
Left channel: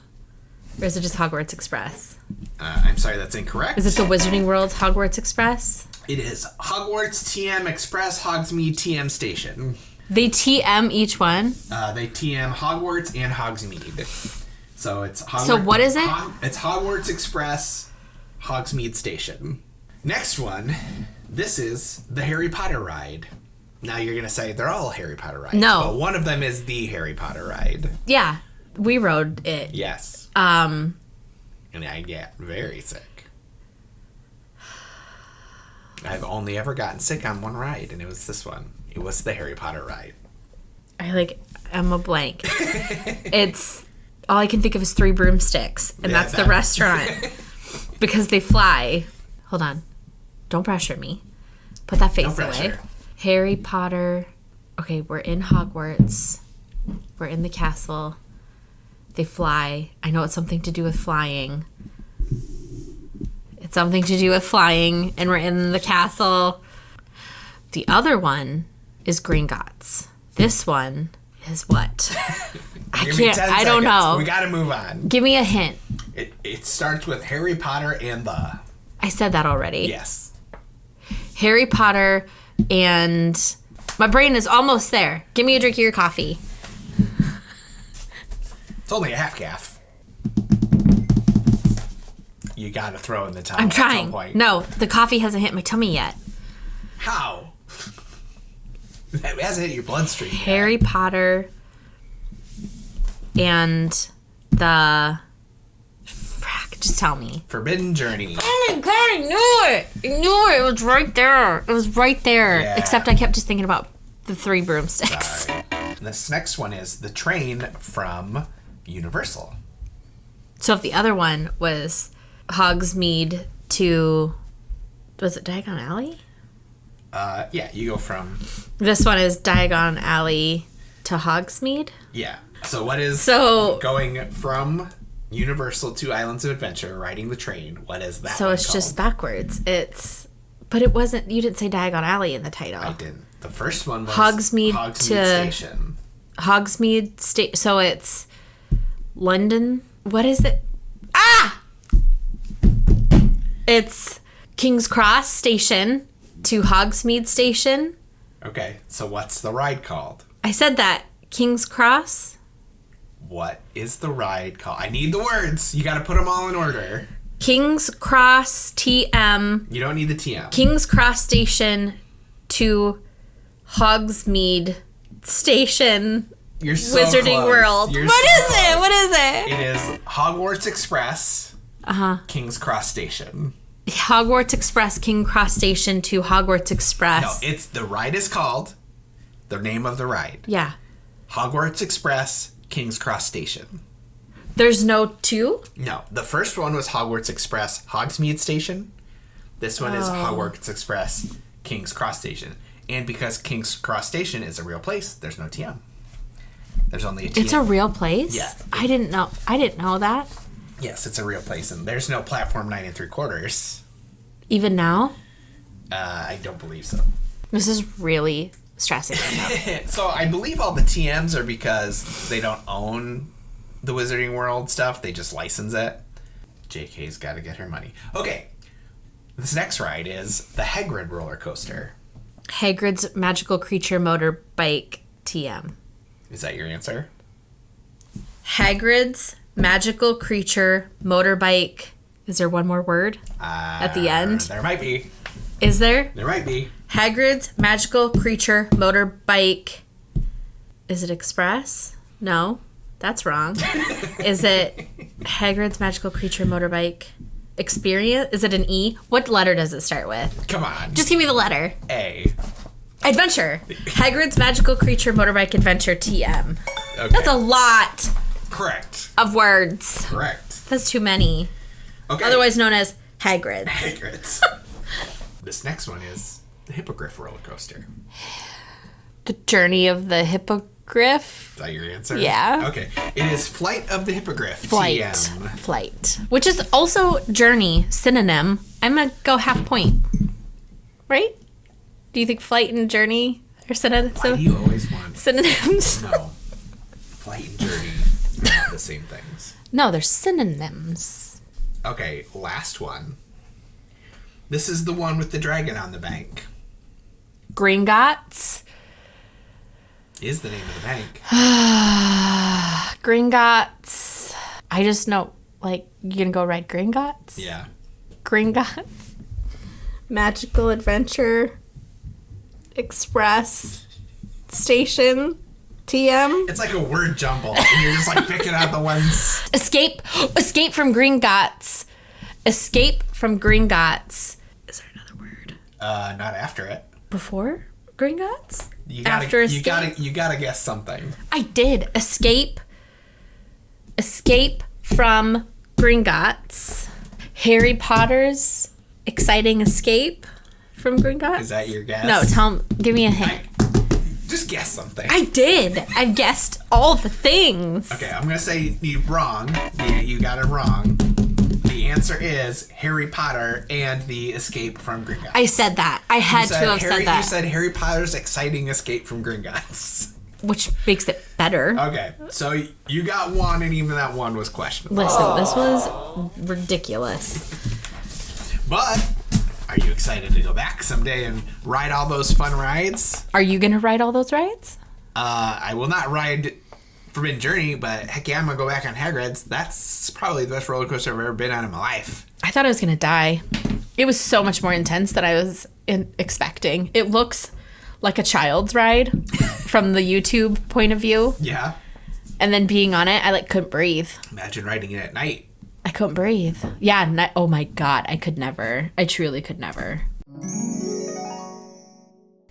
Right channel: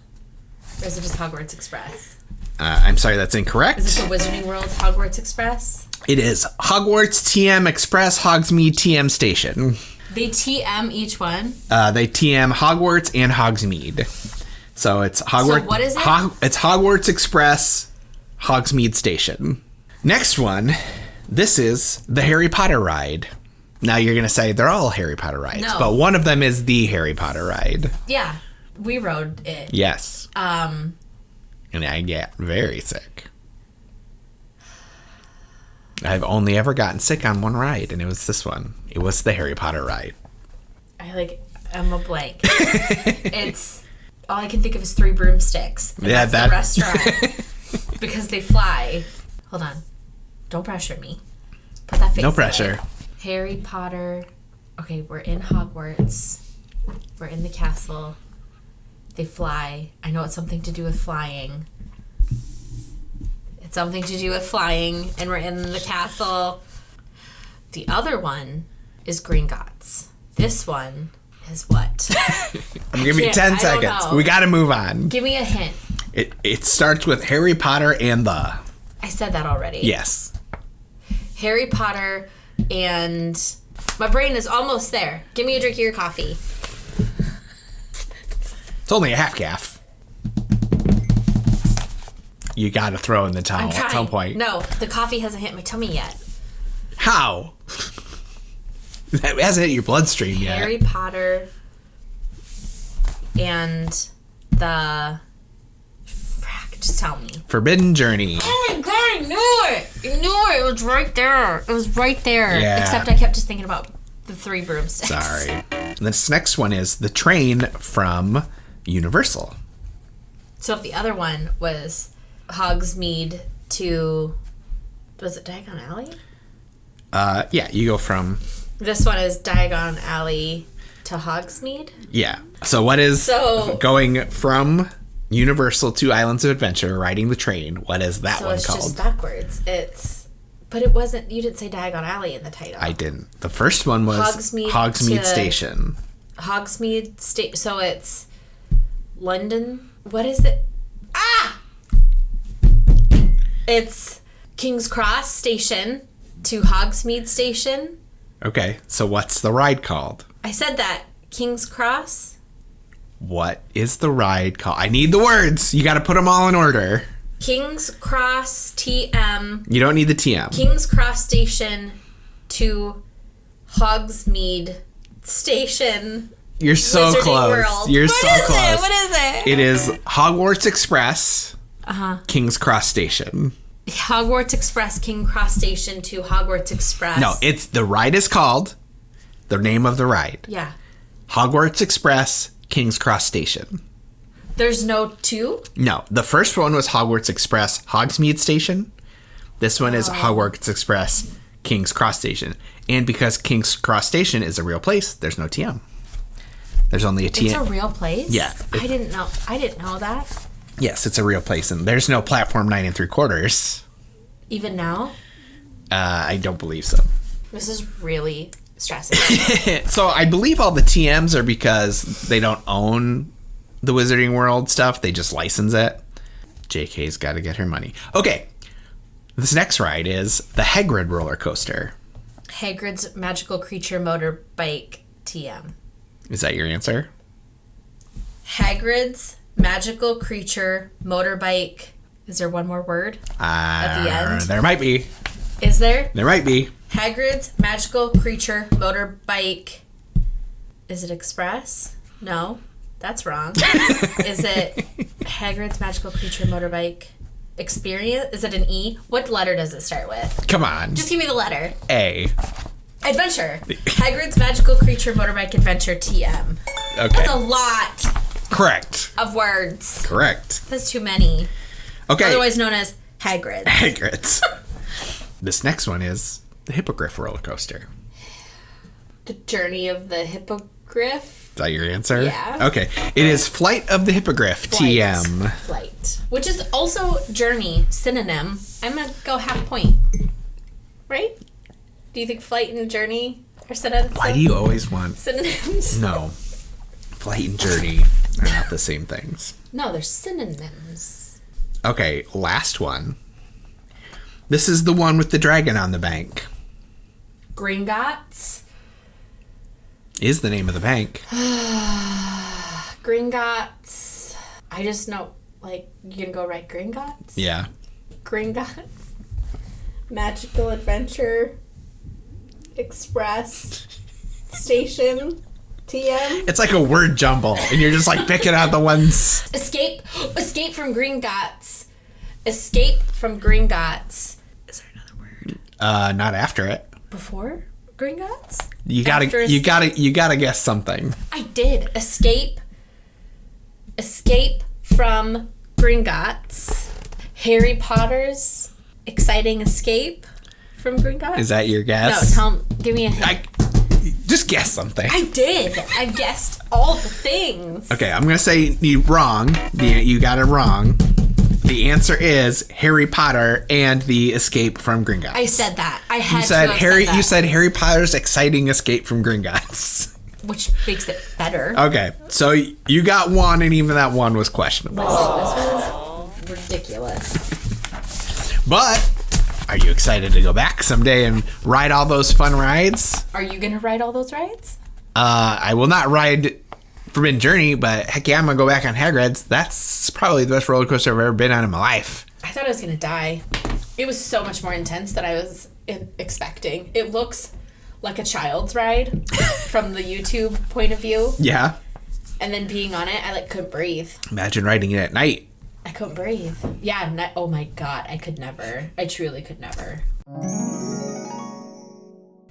Or is it just Hogwarts Express? I'm sorry, that's incorrect. Is it the Wizarding World's Hogwarts Express? It is Hogwarts TM Express Hogsmeade TM Station. They TM each one? They TM Hogwarts and Hogsmeade. So it's Hogwarts. So what is it? It's Hogwarts Express Hogsmeade Station. Next one, this is the Harry Potter ride. Now you're going to say they're all Harry Potter rides. No. But one of them is the Harry Potter ride. Yeah. We rode it. Yes. And I get very sick. I've only ever gotten sick on one ride, and it was this one. It was the Harry Potter ride. I'm a blank. It's, all I can think of is 3 broomsticks, and that's the restaurant. Because they fly. Hold on. Don't pressure me. Put that face No pressure. away. Harry Potter. Okay, we're in Hogwarts. We're in the castle. They fly. I know it's something to do with flying. It's something to do with flying, and we're in the castle. The other one is Gringotts. This one is what? Give me 10 seconds. I don't know. We got to move on. Give me a hint. It starts with Harry Potter and the... I said that already. Yes. Harry Potter and... My brain is almost there. Give me a drink of your coffee. It's only a half calf. You got to throw in the towel I'm trying. at some point. No, the coffee hasn't hit my tummy yet. How? It hasn't hit your bloodstream yet. Harry Potter and the... Frack, just tell me. Forbidden Journey. Oh my god, I knew it! I knew it! It was right there. It was right there. Yeah. Except I kept just thinking about the 3 broomsticks. Sorry. And this next one is the train from Universal. So if the other one was Hogsmeade to... Was it Diagon Alley? Yeah, you go from... This one is Diagon Alley to Hogsmeade? Yeah. So what is going from Universal to Islands of Adventure, riding the train? What is that so one it's called? just backwards. But it wasn't... You didn't say Diagon Alley in the title. I didn't. The first one was Hogsmeade Station. Hogsmeade Station. So it's London. What is it? Ah! It's King's Cross Station to Hogsmeade Station. Okay, so what's the ride called? I said that. King's Cross. What is the ride called? I need the words. You got to put them all in order. King's Cross TM. You don't need the TM. King's Cross Station to Hogsmeade Station. You're so Wizarding close. World. You're What so is close. it? What is it? It is Hogwarts Express. King's Cross Station. Hogwarts Express, King Cross Station to Hogwarts Express. No, it's the ride is called the name of the ride. Yeah. Hogwarts Express, King's Cross Station. There's no 2? No, the first one was Hogwarts Express, Hogsmeade Station. This one is Hogwarts Express, King's Cross Station. And because King's Cross Station is a real place, there's no TM. There's only a TM. It's a real place? Yeah. I didn't know that. Yes, it's a real place, and there's no platform 9 3/4. Even now? I don't believe so. This is really stressing. So I believe all the TMs are because they don't own the Wizarding World stuff. They just license it. JK's got to get her money. Okay. This next ride is the Hagrid roller coaster. Hagrid's Magical Creature Motorbike TM. Is that your answer? Hagrid's Magical Creature Motorbike. Is there one more word at the end? There might be. Is there? There might be. Hagrid's Magical Creature Motorbike. Is it Express? No, that's wrong. Is it Hagrid's Magical Creature Motorbike Experience? Is it an E? What letter does it start with? Come on. Just give me the letter. A. Adventure. Hagrid's Magical Creature Motorbike Adventure TM. Okay. That's a lot Correct. of words. Correct. That's too many. Okay. Otherwise known as Hagrid's. Hagrid's. This next one is the Hippogriff roller coaster. The Journey of the Hippogriff. Is that your answer? Yeah. Okay. It is Flight of the Hippogriff, TM. Flight. Which is also journey, synonym. I'm going to go half point. What Right? Do you think flight and journey are synonyms? Why do you always want synonyms? No. Flight and journey are not the same things. No, they're synonyms. Okay, last one. This is the one with the dragon on the bank. Gringotts. Is the name of the bank. Gringotts. I just know, like, you gonna go ride Gringotts? Yeah. Gringotts. Magical Adventure Express Station TM. It's like a word jumble, and you're just like picking out the ones. Escape from Gringotts. Escape from Gringotts. Is there another word? Not after it. Before Gringotts? You gotta guess something. I did. Escape from Gringotts. Harry Potter's exciting escape from Gringotts. Is that your guess? No, give me a hint. Just guess something. I did. I've guessed all the things. Okay, I'm gonna say you wrong. You got it wrong. The answer is Harry Potter and the Escape from Gringotts. I said that. I had to have said that. You said Harry Potter's exciting escape from Gringotts. Which makes it better. Okay, so you got one, and even that one was questionable. Listen, this was ridiculous. But are you excited to go back someday and ride all those fun rides? Are you gonna ride all those rides? I will not ride Forbidden Journey, but heck yeah, I'm gonna go back on Hagrid's. That's probably the best roller coaster I've ever been on in my life. I thought I was gonna die. It was so much more intense than I was expecting. It looks like a child's ride from the YouTube point of view. Yeah. And then being on it, I couldn't breathe. Imagine riding it at night. I couldn't breathe. Yeah, oh my God, I could never. I truly could never.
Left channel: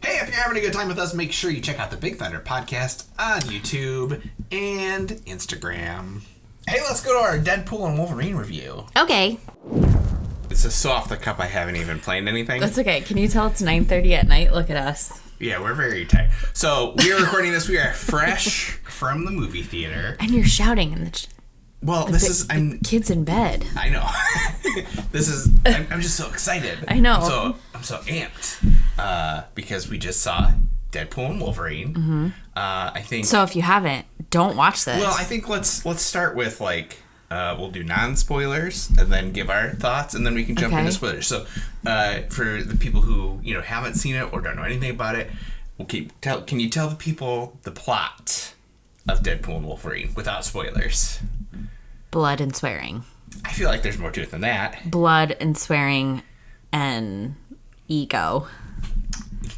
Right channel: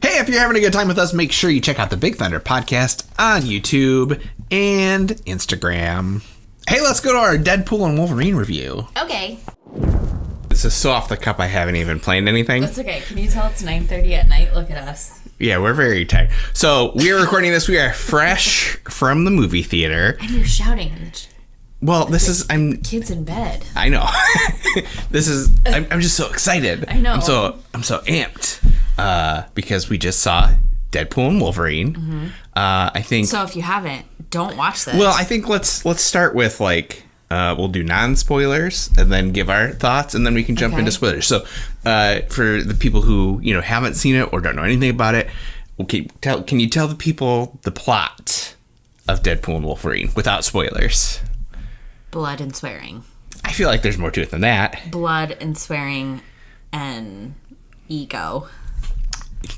Hey, if you're having a good time with us, make sure you check out the Big Thunder podcast on YouTube and Instagram. Hey, let's go to our Deadpool and Wolverine review. Okay. This is so off the cuff, I haven't even planned anything. That's okay. Can you tell it's 9:30 at night? Look at us. Yeah, we're very tired. So we are recording this. We are fresh from the movie theater. And you're shouting in the... Well, I'm kids in bed. I know. I'm just so excited. I know. I'm so amped because we just saw Deadpool and Wolverine. Mm-hmm. I think. So if you haven't, don't watch this. Well, I think let's start with we'll do non-spoilers and then give our thoughts, and then we can jump into spoilers. So for the people who haven't seen it or don't know anything about it, can you tell the people the plot of Deadpool and Wolverine without spoilers? Blood and swearing. I feel like there's more to it than that. Blood and swearing and ego.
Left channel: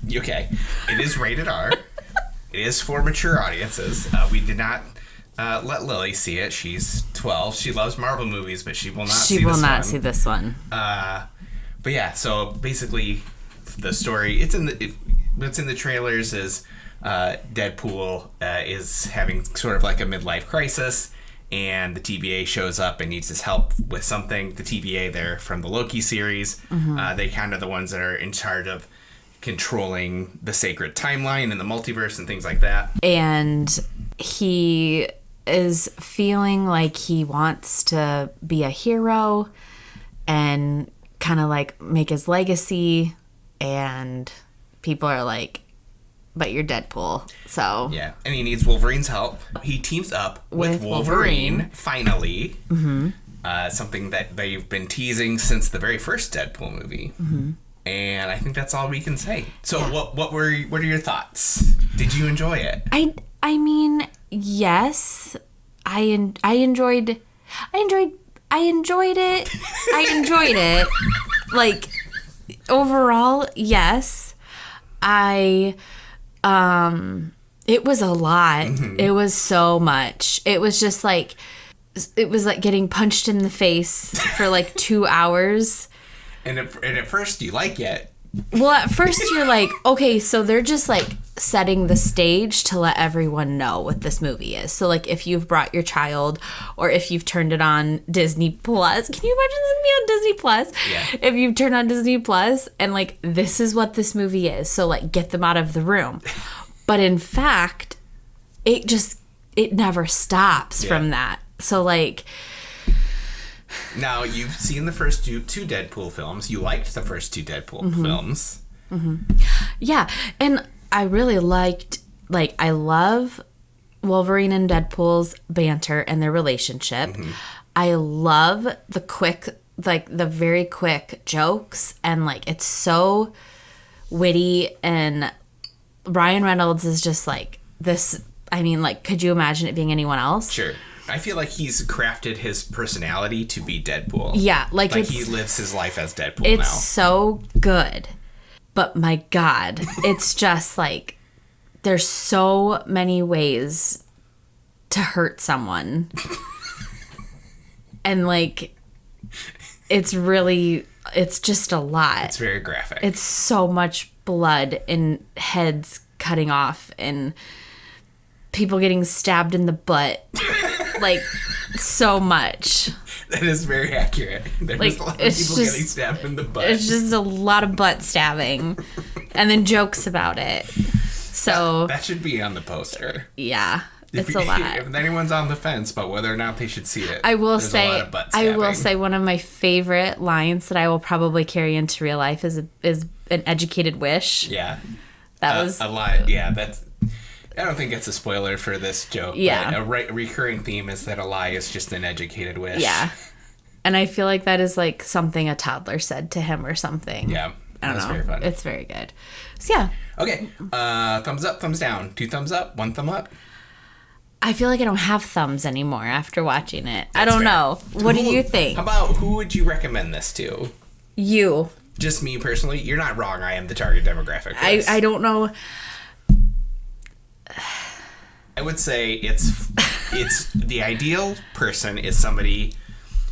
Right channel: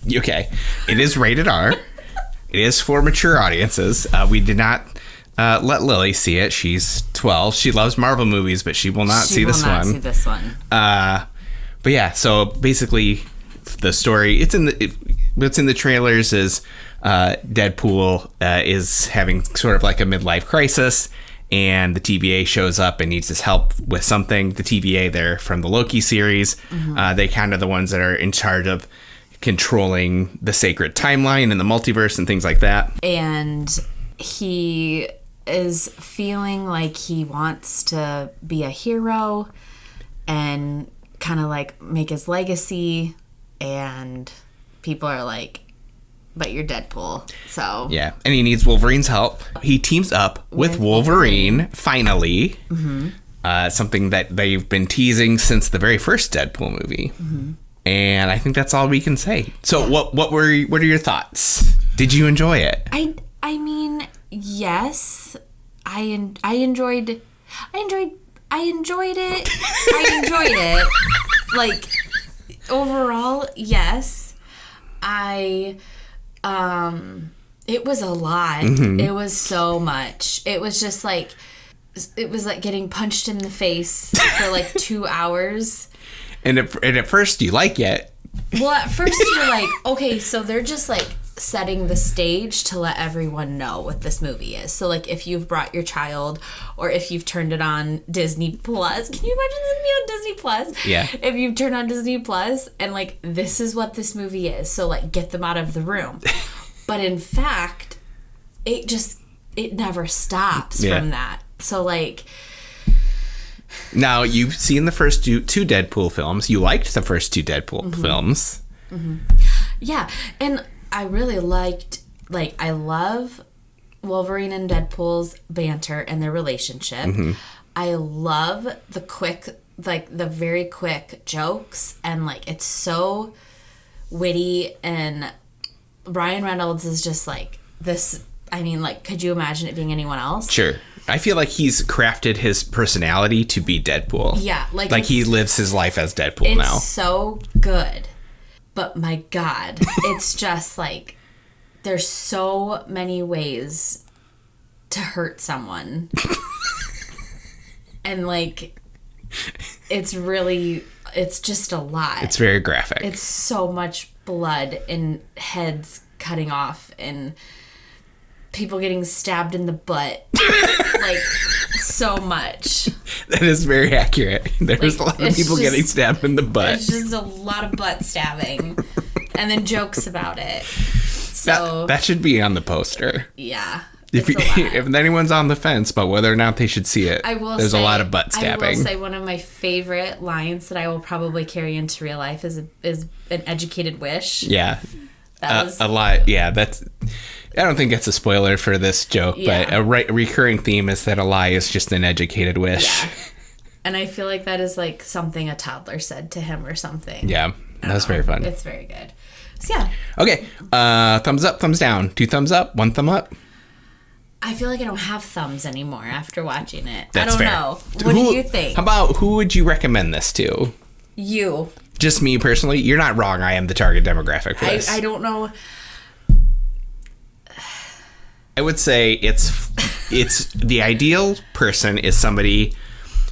Okay. It is rated R. It is for mature audiences. We did not let Lily see it. She's 12. She loves Marvel movies, but she will not see this one. She will not see this one. But yeah, so basically the story, what's in the trailers is Deadpool is having sort of like a midlife crisis, and the TVA shows up and needs his help with something. The TVA, they're from the Loki series. Mm-hmm. They kind of the ones that are in charge of controlling the sacred timeline and the multiverse and things like that. And he is feeling like he wants to be a hero and kind of make his legacy. And people are like, but you're Deadpool, so... Yeah, and he needs Wolverine's help. He teams up with Wolverine, finally. Mm-hmm. Something that they've been teasing since the very first Deadpool movie. Mm-hmm. And I think that's all we can say. So yeah. What are your thoughts? Did you enjoy it? I mean, yes. I enjoyed it. I enjoyed it. Overall, yes. It was a lot. Mm-hmm. It was so much. It was just it was like getting punched in the face for 2 hours. And at first you like it. Well, at first you're like, okay, so they're just setting the stage to let everyone know what this movie is. So if you've brought your child or if you've turned it on Disney Plus, can you imagine this movie on Disney Plus? Yeah. If you've turned on Disney Plus and this is what this movie is, so get them out of the room. But in fact, it never stops from that. So Now, you've seen the first two Deadpool films. You liked the first two Deadpool films. Yeah, and I really liked, like, I love Wolverine and Deadpool's banter and their relationship. I love the quick, like, the very quick jokes, and, like, it's so witty, and Ryan Reynolds is just, like, this, I mean, like, could you imagine it being anyone else? Sure. I feel like he's crafted his personality to be Deadpool. Yeah. Like he lives his life as Deadpool now. It's so good. But my God, it's just like, there's so many ways to hurt someone. And like, it's just a lot. It's very graphic. It's so much blood and heads cutting off and people getting stabbed in the butt. Like, so much. That is very accurate. There's a lot of people getting stabbed in the butt. It's just a lot of butt stabbing. And then jokes about it. So that should be on the poster. Yeah. It's a lot. If anyone's on the fence about whether or not they should see it, there's a lot of butt stabbing. I will say one of my favorite lines that I will probably carry into real life is an educated wish. Yeah. That was a lot. Yeah, I don't think it's a spoiler for this joke, but a recurring theme is that a lie is just an educated wish. Yeah. And I feel like that is like something a toddler said to him or something. Yeah. That's very fun. It's very good. So yeah. Okay. Thumbs up, thumbs down. 2 thumbs up, 1 thumb up. I feel like I don't have thumbs anymore after watching it. That's I don't fair. know. What do you think? How about who would you recommend this to? You. Just me personally? You're not wrong. I am the target demographic for this. I don't know. I would say it's the ideal person is somebody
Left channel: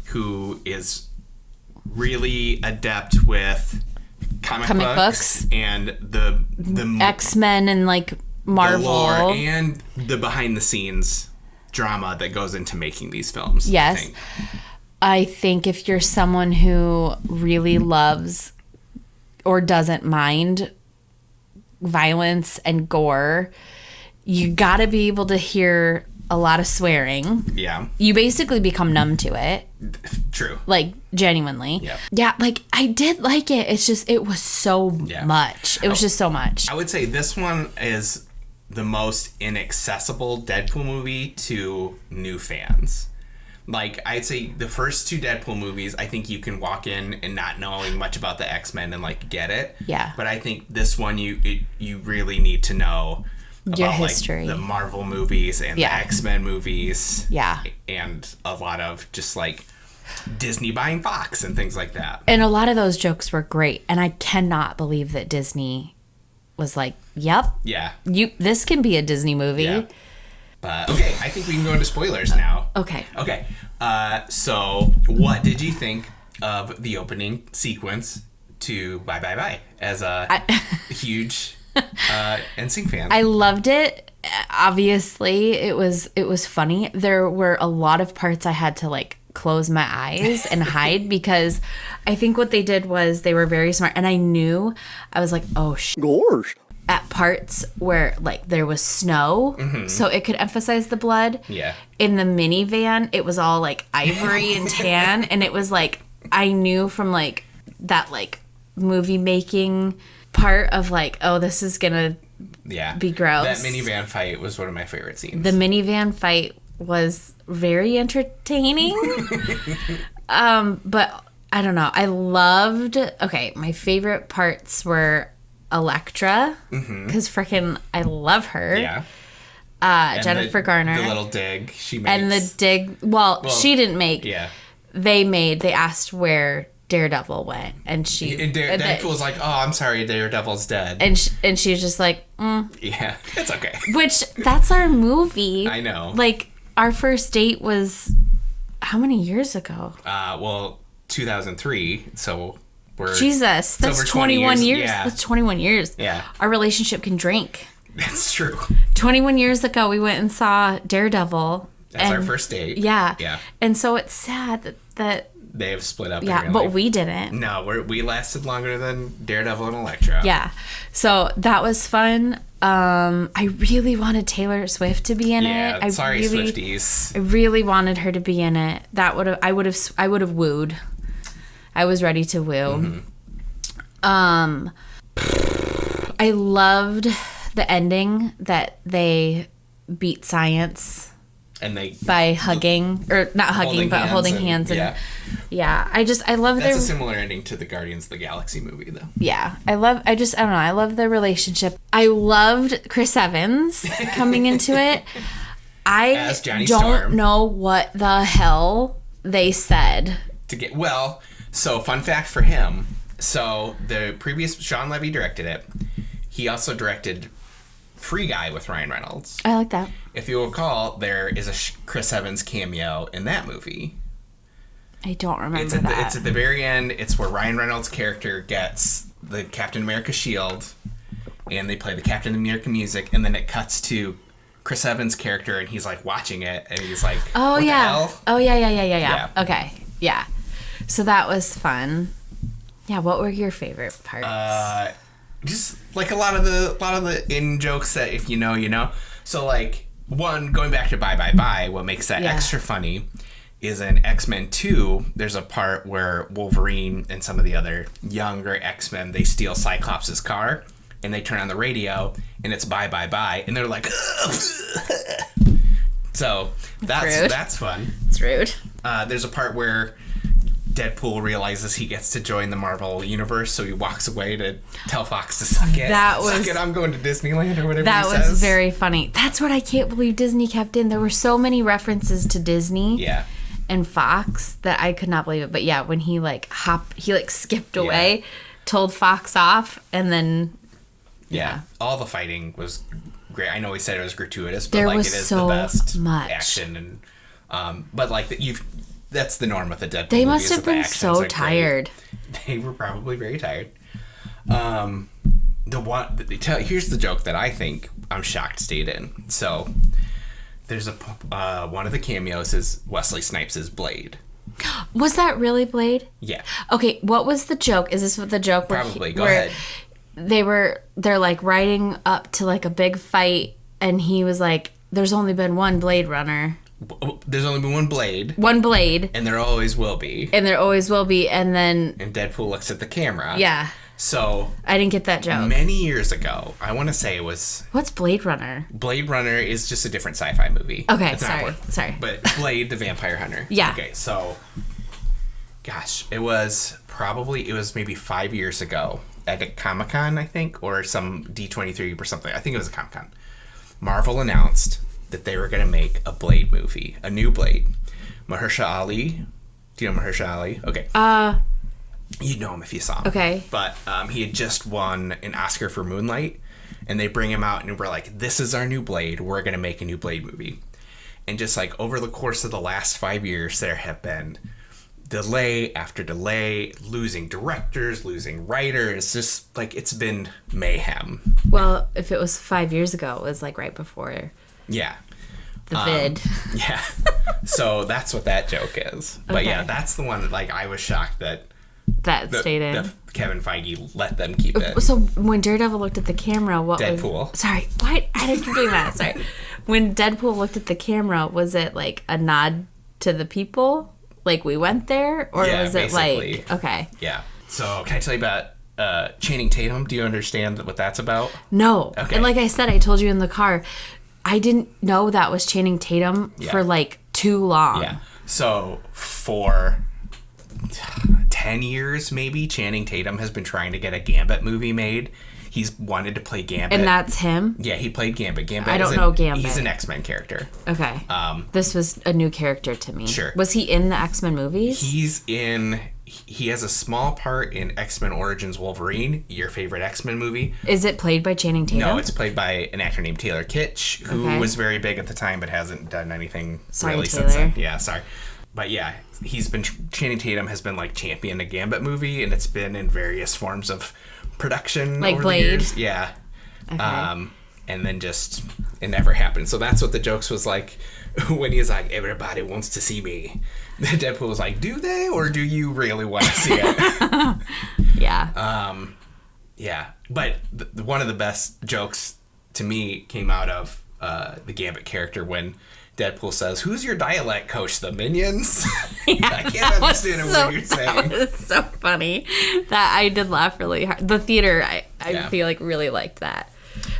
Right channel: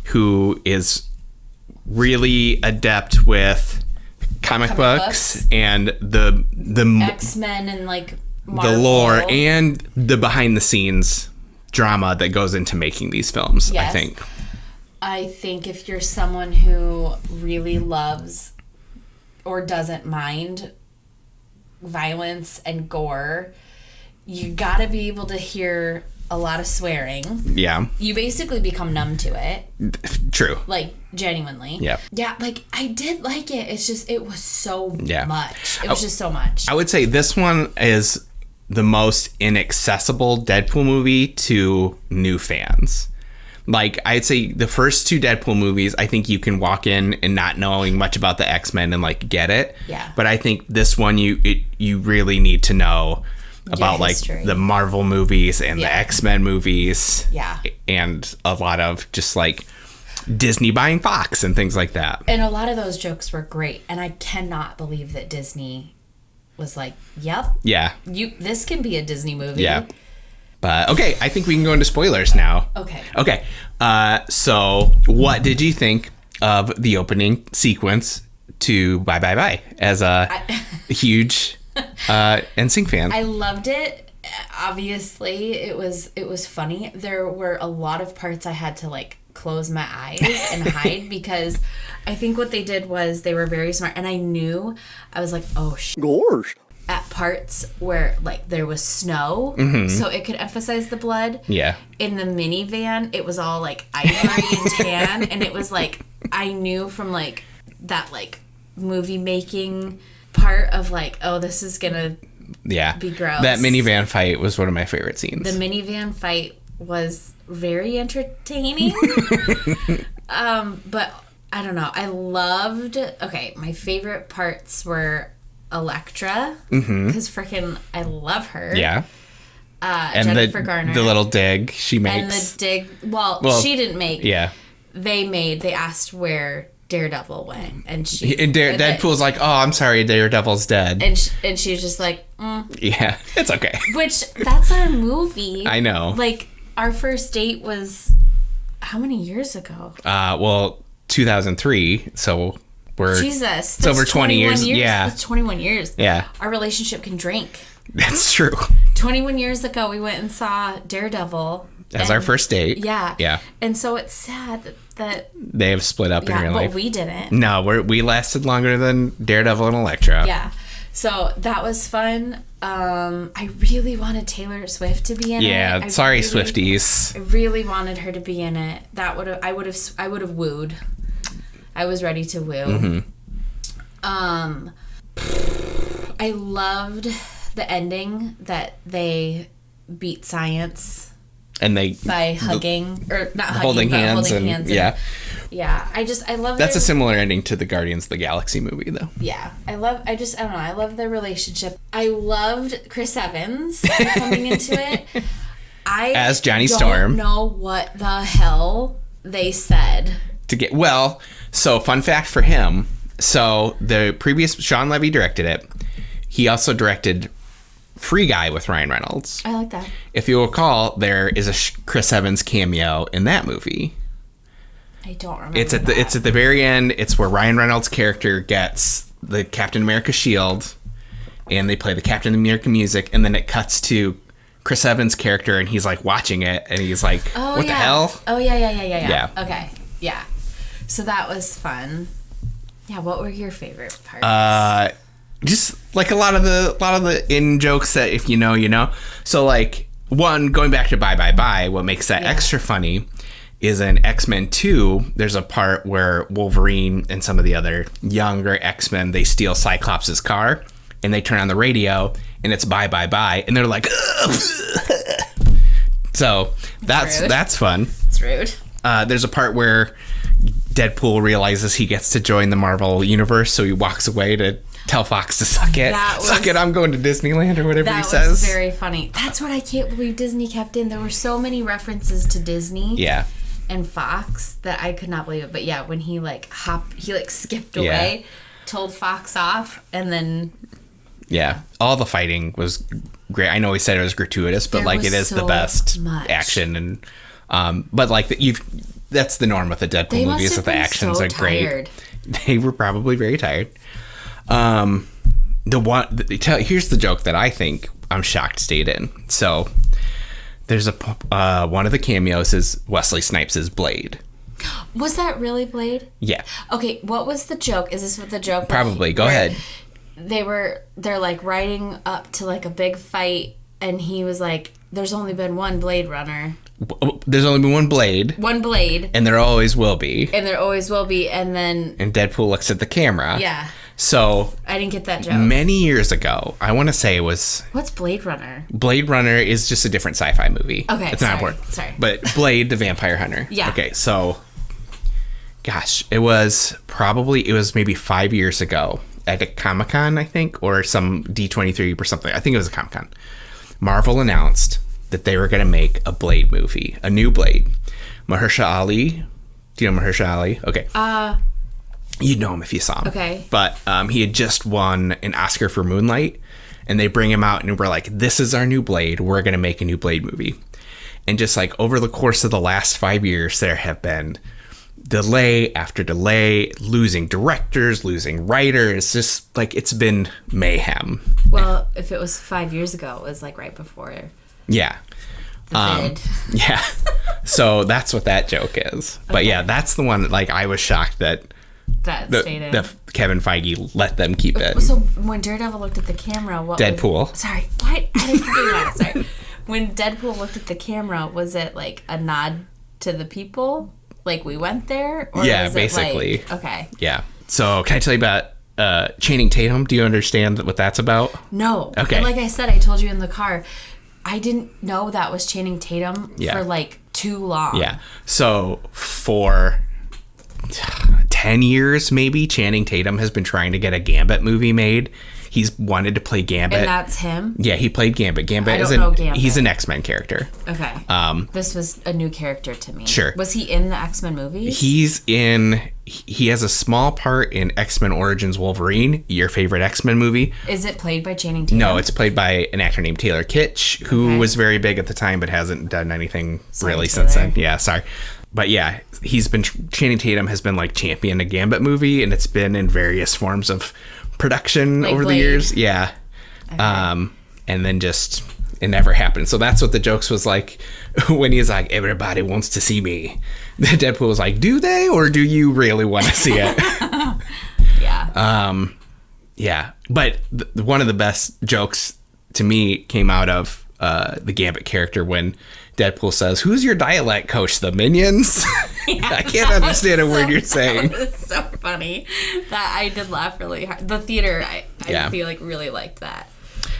who is really adept with comic books and the X-Men and like Marvel. the lore and the behind the scenes drama that goes into making these films. Yes. I I think if you're someone who really loves or doesn't mind violence and gore, you gotta be able to hear a lot of swearing. Yeah. You basically become numb to it. True. Like, genuinely. Yeah. Yeah, like, I did like it. It's just, it was so much. It was just so much. I would say this one is the most inaccessible Deadpool movie to new fans. Like, I'd say the first 2 Deadpool movies, I think you can walk in and not knowing much about the X-Men and, like, get it. Yeah. But I think this one, you really need to know about, like, the Marvel movies and the X-Men movies. Yeah. And a lot of just, like, Disney buying Fox and things like that. And a lot of those jokes were great. And I cannot believe that Disney was like, yep. Yeah. This can be a Disney movie. Yeah. But, okay, I think we can go into spoilers now. Okay. Okay. So, what did you think of the opening sequence to Bye Bye Bye as a huge NSYNC fan? I loved it. Obviously, it was funny. There were a lot of parts I had to, like, close my eyes and hide because I think what they did was they were very smart. And I was like, oh, gosh. At parts where, like, there was snow, so it could emphasize the blood. Yeah. In the minivan, it was all, like, ivory and tan, and it was, like, I knew from, like, that, like, movie making part of, like, oh, this is gonna be gross. That minivan fight was one of my favorite scenes. The minivan fight was very entertaining. But I don't know. I loved, my favorite parts were Elektra, because freaking I love her. Yeah. Jennifer Garner. The little dig she makes. And the dig, well, she didn't make. Yeah. They asked where Daredevil went, and Deadpool's like, oh, I'm sorry, Daredevil's dead. And she was just like, yeah, it's okay. Which, that's our movie. I know. Like, our first date was how many years ago? 2003, so we're... Jesus, that's over 20 years. Yeah. That's 21 years. Yeah. Our relationship can drink. That's true. 21 years ago, we went and saw Daredevil. As our first date. Yeah. Yeah. And so it's sad that they have split up in real life. but we didn't. No, we lasted longer than Daredevil and Elektra. Yeah. So that was fun. I really wanted Taylor Swift to be in it. Yeah, Swifties. I really wanted her to be in it. I would have wooed. I was ready to woo. I loved the ending that they beat science. And they by hugging or not hugging, but holding hands. And, yeah. I love that's a similar ending to the Guardians of the Galaxy movie, though. Yeah, I don't know. I love their relationship. I loved Chris Evans coming into it. As Johnny Storm. I don't know what the hell they said. So fun fact for him. So the previous Sean Levy directed it. He also directed Free Guy with Ryan Reynolds. I like that. If you recall, there is a Chris Evans cameo in that movie. I don't remember it's at the very end. It's where Ryan Reynolds' character gets the Captain America shield, and they play the Captain America music, and then it cuts to Chris Evans' character, and he's like watching it, and he's like, "What the hell?" Oh yeah. Okay, yeah. So that was fun. Yeah. What were your favorite parts? Just like a lot of the in jokes that if you know, you know. So like going back to Bye Bye Bye, what makes that extra funny is in X-Men 2, there's a part where Wolverine and some of the other younger X-Men, they steal Cyclops' car and they turn on the radio and it's Bye Bye Bye and they're like, ugh. So that's fun. It's rude. There's a part where Deadpool realizes he gets to join the Marvel universe, so he walks away to tell Fox to suck it. Suck it, I'm going to Disneyland or whatever he says. That was very funny. That's what I can't believe Disney kept in. There were so many references to Disney and Fox that I could not believe it. But yeah, when he skipped away, told Fox off, and then... Yeah, all the fighting was great. I know he said it was gratuitous, but it is the best action. And but that's the norm with the Deadpool movies. That the actions are tired. Great. They were probably very tired. Here's the joke that I think I'm shocked stayed in. So there's one of the cameos is Wesley Snipes' Blade. Was that really Blade? Yeah. Okay, what was the joke? Is this what the joke was? Probably. Go ahead. They're like riding up to like a big fight, and he was like, "There's only been one Blade Runner." There's only been one Blade. One Blade. And there always will be. And then... And Deadpool looks at the camera. Yeah. So... I didn't get that joke. Many years ago, I want to say it was... What's Blade Runner? Blade Runner is just a different sci-fi movie. Okay, it's not important. Sorry. But Blade, the Vampire Hunter. Yeah. Okay, so... Gosh, it was maybe 5 years ago at a Comic-Con, I think, or some D23 or something. I think it was a Comic-Con. Marvel announced that they were going to make a Blade movie, a new Blade. Mahershala Ali. Do you know Mahershala Ali? Okay. You'd know him if you saw him. Okay. But he had just won an Oscar for Moonlight, and they bring him out, and we're like, this is our new Blade. We're going to make a new Blade movie. And just like over the course of the last 5 years, there have been delay after delay, losing directors, losing writers. Just like it's been mayhem. Well, if it was 5 years ago, it was like right before... Yeah. The vid. Yeah. So that's what that joke is. But yeah, that's the one that like I was shocked that stayed in. Kevin Feige let them keep it. So when Daredevil looked at the camera, Deadpool. Sorry, what? I didn't keep doing that. Sorry. When Deadpool looked at the camera, was it like a nod to the people? Like we went there? Or was basically. It like... Okay. Yeah. So can I tell you about Channing Tatum? Do you understand what that's about? No. Okay. And like I said, I told you in the car, I didn't know that was Channing Tatum for like too long. Yeah. So for 10 years maybe, Channing Tatum has been trying to get a Gambit movie made. He's wanted to play Gambit. And that's him? Yeah, he played Gambit. I don't know Gambit. He's an X-Men character. Okay. This was a new character to me. Sure. Was he in the X-Men movies? He has a small part in X-Men Origins Wolverine, your favorite X-Men movie. Is it played by Channing Tatum? No, it's played by an actor named Taylor Kitsch, who was very big at the time but hasn't done anything really since then. Yeah, sorry. But yeah, Channing Tatum has been like champion a Gambit movie, and it's been in various forms of production like over Blade. The years. Yeah. Okay. And then just it never happened. So that's what the jokes was like when he's like, everybody wants to see me. Deadpool was like, do they, or do you really want to see it? Yeah. Yeah. But one of the best jokes to me came out of the Gambit character when Deadpool says, who's your dialect coach? The Minions? Yeah, I can't understand a word you're saying. It's so funny. That I did laugh really hard. The theater, I feel like really liked that.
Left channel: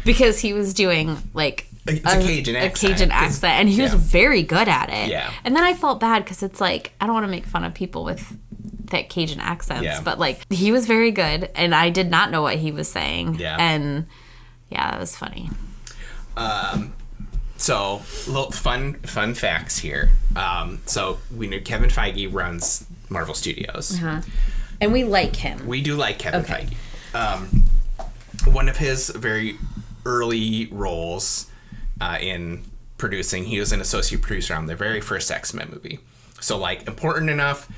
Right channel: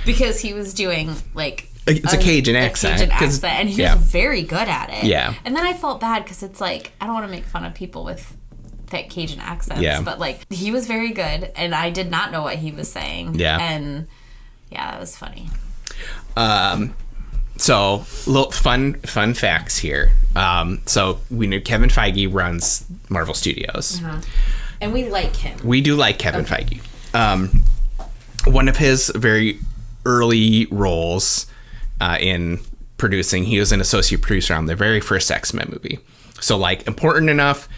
Because he was doing like it's a Cajun accent. And he was very good at it. Yeah. And then I felt bad because it's like, I don't want to make fun of people with thick Cajun accents. Yeah. But like, he was very good. And I did not know what he was saying. Yeah. And yeah, that was funny. So, little fun facts here. So, we know Kevin Feige runs Marvel Studios. And we like him. We do like Kevin Feige. One of his very early roles in producing, he was an associate producer on the very first X-Men movie. So, like, important enough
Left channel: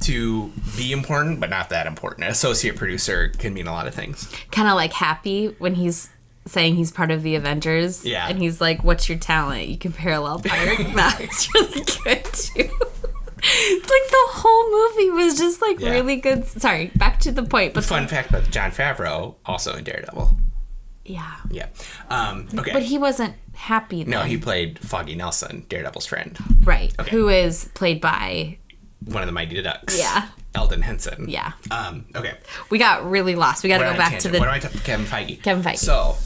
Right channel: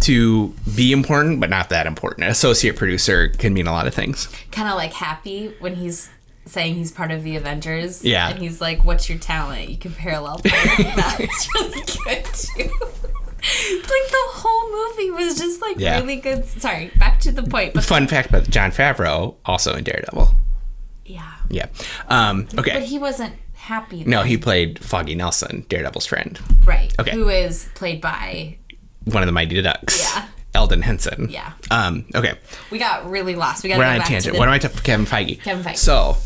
to be important, but not that important. An associate producer can mean a lot of things. Kind of like Happy when he's saying he's part of the Avengers. Yeah. And he's like, what's your talent? You can parallel park. That's really good, too. Like, the whole movie was just, like, really good. Sorry, back to the point. But fun fact about Jon Favreau, also in Daredevil. Yeah. Yeah. Okay. But he wasn't Happy then. No, he played Foggy Nelson, Daredevil's friend. Right. Okay. Who is played by... one of the Mighty Ducks. Yeah. Eldon Henson. Yeah. Okay. We got really lost. We got to go back to the... What am I talking about? Kevin Feige. Kevin Feige. So...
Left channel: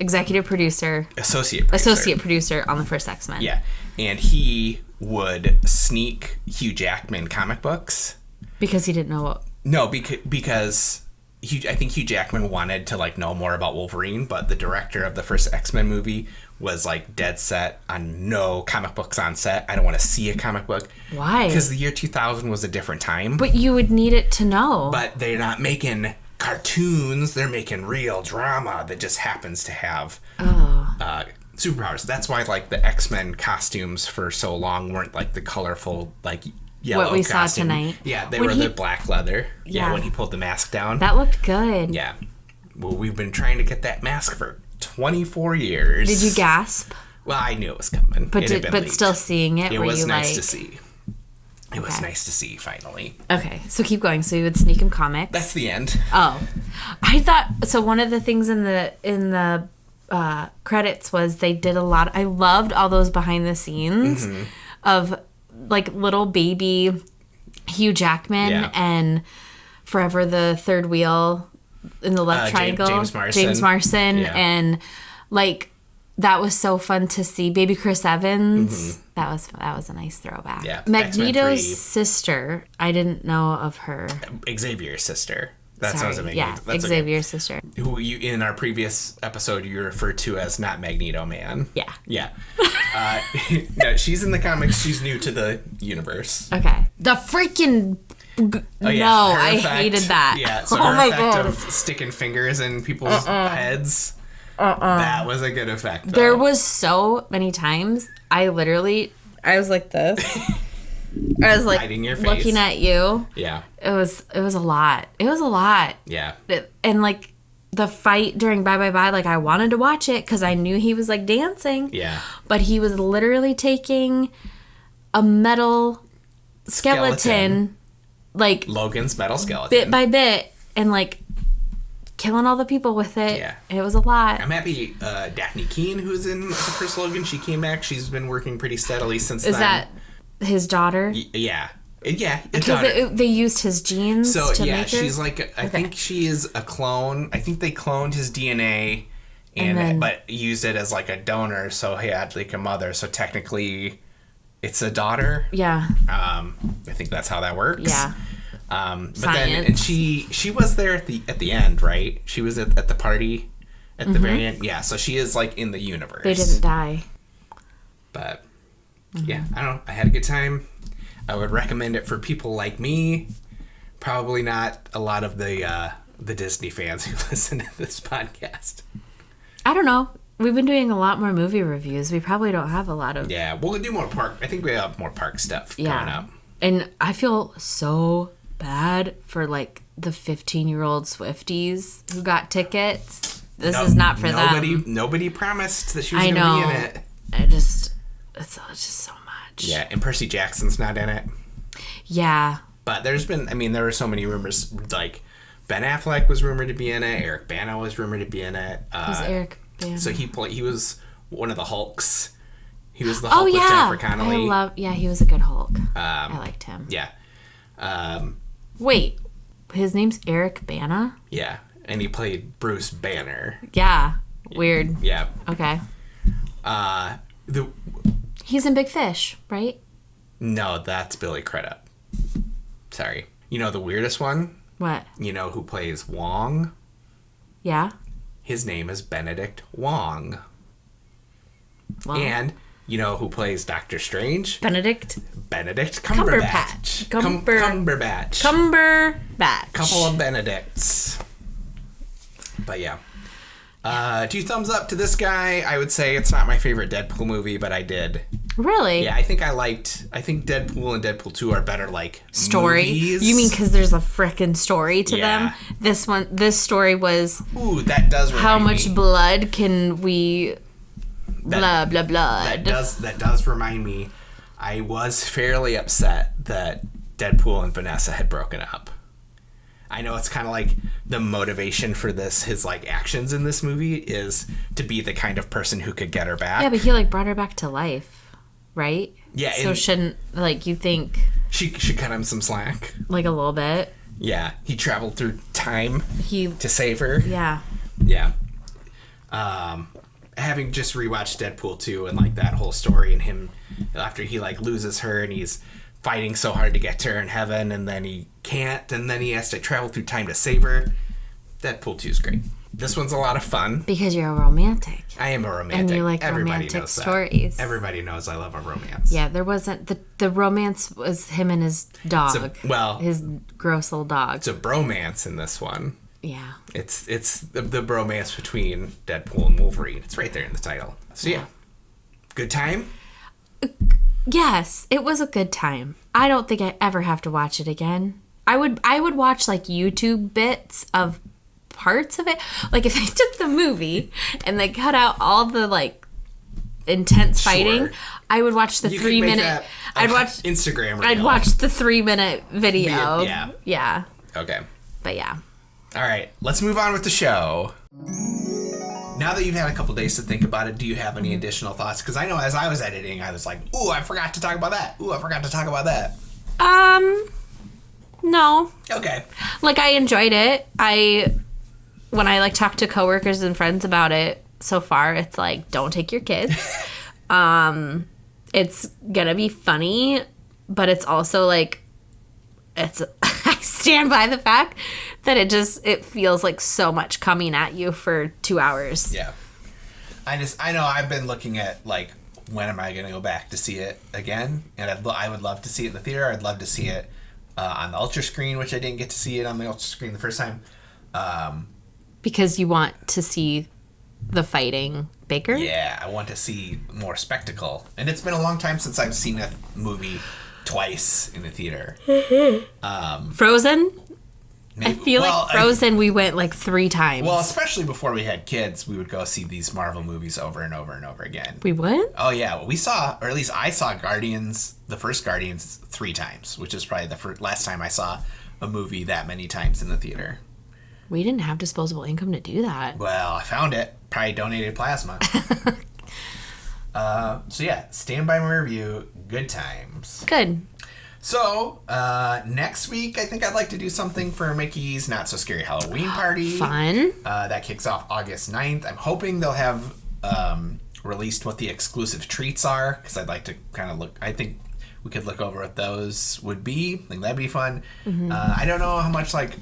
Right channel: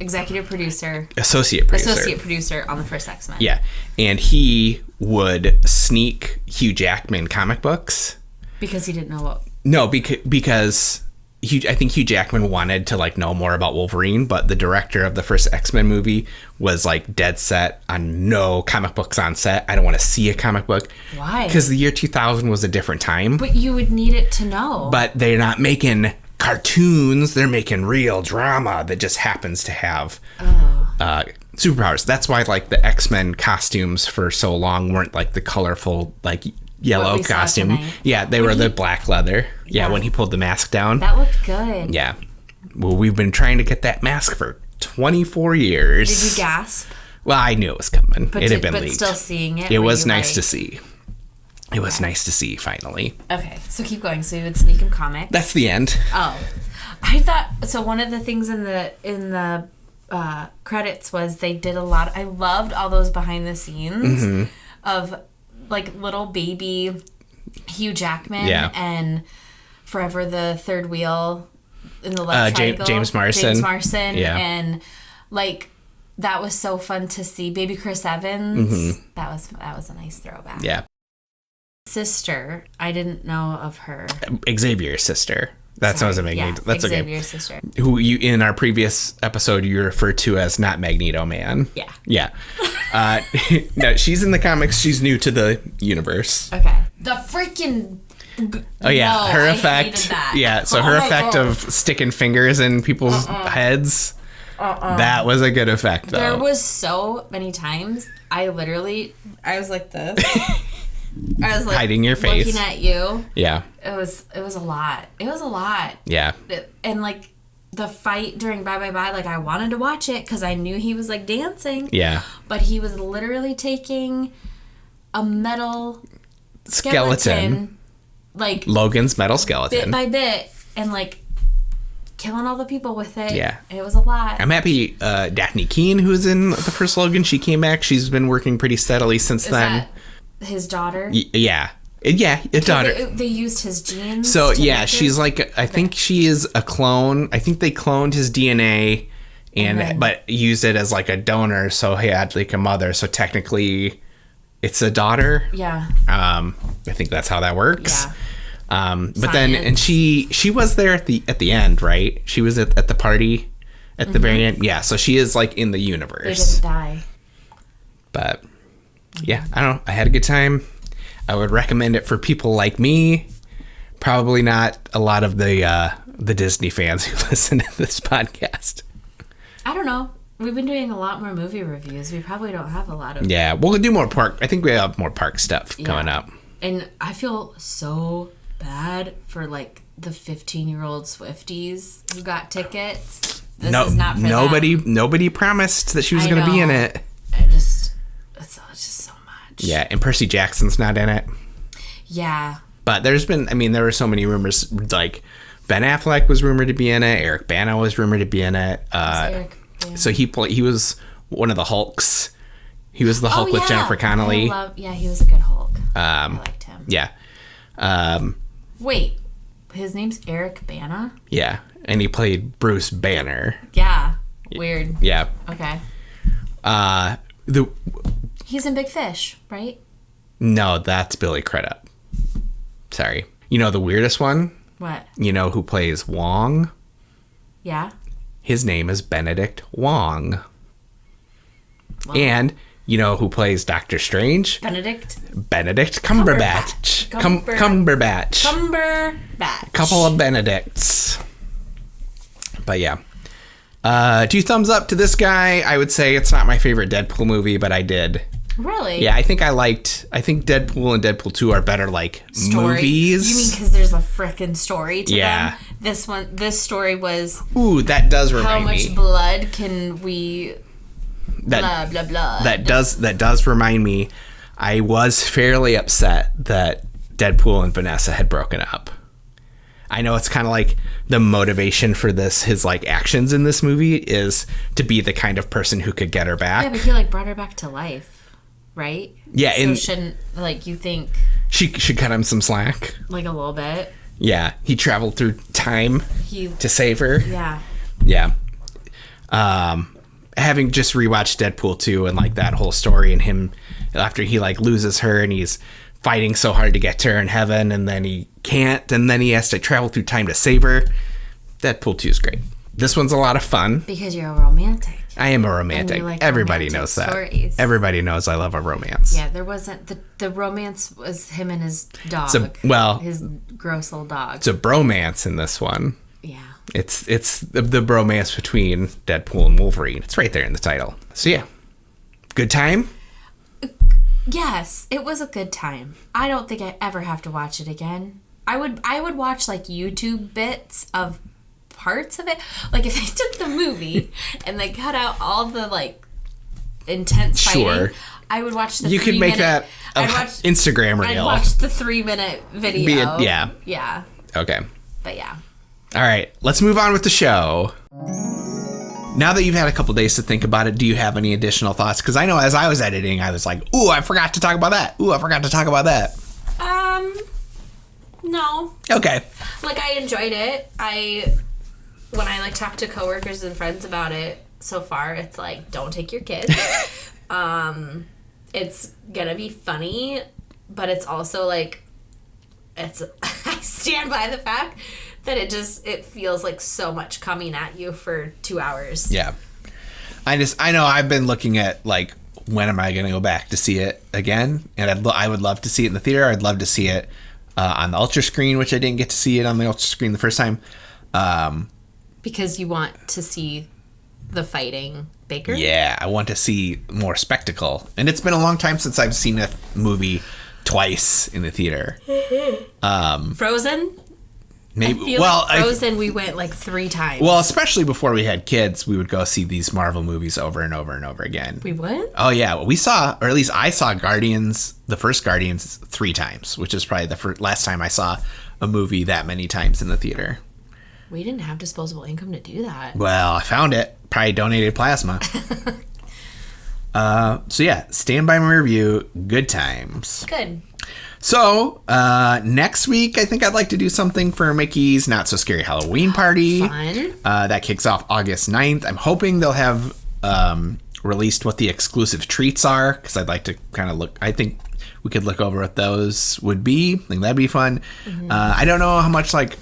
executive producer. Associate producer on the first X-Men. Yeah. And he would sneak Hugh Jackman comic books. Because he didn't know what... No, because I think Hugh Jackman wanted to, like, know more about Wolverine, but the director of the first X-Men movie was, like, dead set on no comic books on set. I don't want to see a comic book. Why? Because the year 2000 was a different time. But you would need it to know. But they're not making cartoons. They're making real drama that just happens to have superpowers. That's why, like, the X-Men costumes for so long weren't, like, the colorful, like, yellow costume. Yeah, they were the black leather. Yeah, when he pulled the mask down. That looked good. Yeah. Well, we've been trying to get that mask for 24 years. Did you gasp? Well, I knew it was coming. It had been leaked. But still seeing it. It was nice to see. It was nice to see, finally. Okay, so keep going. So you would sneak him comics. That's the end. Oh, I thought so. One of the things in the credits was they did a lot. I loved all those behind the scenes of, like, little baby Hugh Jackman and Forever the Third Wheel in the left triangle. James Marsden. Yeah. And, like, that was so fun to see. Baby Chris Evans. That was a nice throwback. Yeah. Magneto's sister. I didn't know of her. Xavier's sister. That sounds amazing. Yeah, that's Xavier's sister. Who you in our previous episode you referred to as not Magneto Man. Yeah. Yeah. No, she's in the comics. She's new to the universe. Okay. The freaking. Oh yeah, no, her effect. I hated that. Yeah, so her effect of sticking fingers in people's heads. That was a good effect. Though. There was so many times I was like this. I was like hiding your face, looking at you. Yeah. It was a lot. It was a lot. Yeah. And like the fight during Bye Bye Bye, like I wanted to watch it because I knew he was like dancing. Yeah. But he was literally taking a metal skeleton, like Logan's metal skeleton, bit by bit, and like killing all the people with it. Yeah. It was a lot. I'm happy Daphne Keane, who's in the first Logan, she came back. She's been working pretty steadily since then. Is that his daughter? Yeah. Yeah, his daughter. They used his genes. So to yeah, she's like I think she is a clone. I think they cloned his DNA but used it as like a donor, so he had like a mother. So technically, it's a daughter. Yeah. I think that's how that works. Yeah. But then and she was there at the end, right? She was at the party at the very end. Yeah. So she is like in the universe. They didn't die. But yeah, I don't know. I had a good time. I would recommend it for people like me. Probably not a lot of the Disney fans who listen to this podcast. I don't know. We've been doing a lot more movie reviews. We probably don't have a lot of... Yeah, we'll do more park. I think we have more park stuff coming up. And I feel so bad for, like, the 15-year-old Swifties who got tickets. This is not for them. Nobody promised that she was going to be in it. It's just so much. Yeah, and Percy Jackson's not in it. Yeah. But there were so many rumors, like Ben Affleck was rumored to be in it, Eric Bana was rumored to be in it. Eric Bana? So he was one of the Hulks. He was the Hulk with Jennifer Connelly. He was a good Hulk. I liked him. Yeah. Wait, his name's Eric Bana? Yeah. and he played Bruce Banner. Yeah. Weird. Yeah. Okay. He's in Big Fish, right? No, that's Billy Crudup. Sorry. You know the weirdest one? What? You know who plays Wong? Yeah. His name is Benedict Wong. Well, And you know who plays Doctor Strange? Benedict Cumberbatch. Cumberbatch. Couple of Benedicts. But yeah. 2 thumbs up to this guy. I would say it's not my favorite Deadpool movie, but I did. Really? Yeah, I think Deadpool and Deadpool 2 are better like story. movies. You mean because there's a frickin' story to them? This story was. Ooh, that does remind me. How much blood can we? Blah blah blah. That does remind me. I was fairly upset that Deadpool and Vanessa had broken up. I know it's kind of like the motivation for his like actions in this movie is to be the kind of person who could get her back. Yeah, but he like brought her back to life, right? Yeah. So shouldn't like you think she should cut him some slack? Like a little bit. Yeah, he traveled through time to save her. Yeah. Yeah. Having just rewatched Deadpool 2 and like that whole story and him after he like loses her and he's fighting so hard to get to her in heaven and then he can't and then he has to travel through time to save her. Deadpool 2 is great. This one's a lot of fun. Because you're a romantic. I am a romantic. And you like everybody romantic knows stories. That. Everybody knows I love a romance. Yeah, there wasn't the romance was him and his dog. His gross little dog. It's a bromance in this one. Yeah. It's the bromance between Deadpool and Wolverine. It's right there in the title. So yeah. Good time? Yes, it was a good time. I don't think I ever have to watch it again. I would watch like YouTube bits of parts of it. Like if they took the movie and they cut out all the like intense fighting, I would watch the 3 minute. You could make that I'd watch Instagram reel. I'd watch the 3 minute video. Yeah. Yeah. Okay. But yeah. All right, let's move on with the show. Now that you've had a couple days to think about it, do you have any additional thoughts? Because I know as I was editing, I was like, ooh, I forgot to talk about that. Ooh, I forgot to talk about that. No. Okay. Like, I enjoyed it. When I, like, talk to coworkers and friends about it so far, it's like, don't take your kids. It's gonna be funny, but it's also, like, I stand by the fact that it feels like so much coming at you for 2 hours. Yeah. I know I've been looking at like when am I going to go back to see it again, and I would love to see it in the theater. I'd love to see it on the Ultra screen, which I didn't get to see it on the Ultra screen the first time. Because you want to see the fighting bigger? Yeah, I want to see more spectacle. And it's been a long time since I've seen a movie twice in the theater. Frozen? Maybe. I feel like Frozen we went like 3 times. Well, especially before we had kids, we would go see these Marvel movies over and over and over again. We would? Oh, yeah. Well, we saw, or at least I saw the first Guardians 3 times, which is probably the last time I saw a movie that many times in the theater. We didn't have disposable income to do that. Well, I found it. Probably donated plasma. So, yeah. Stand by my review. Good times. Good. So, next week, I think I'd like to do something for Mickey's Not So Scary Halloween Party. Fun. That kicks off August 9th. I'm hoping they'll have released what the exclusive treats are, because I'd like to kind of look. I think we could look over what those would be. I think that'd be fun. Mm-hmm. I don't know how much, like,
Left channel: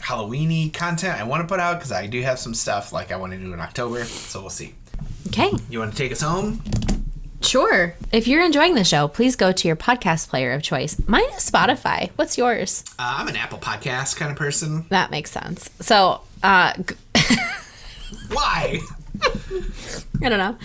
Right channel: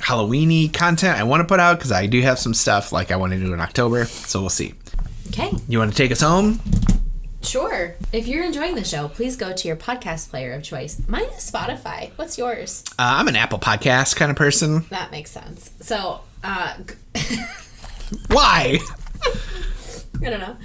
Halloween-y content I want to put out, because I do have some stuff, like, I want to do in October, so we'll see. Okay. You want to take us home? Sure. If you're enjoying the show, please go to your podcast player of choice. Mine is Spotify. What's yours? I'm an Apple Podcast kind of person. That makes sense. So, why? I don't know.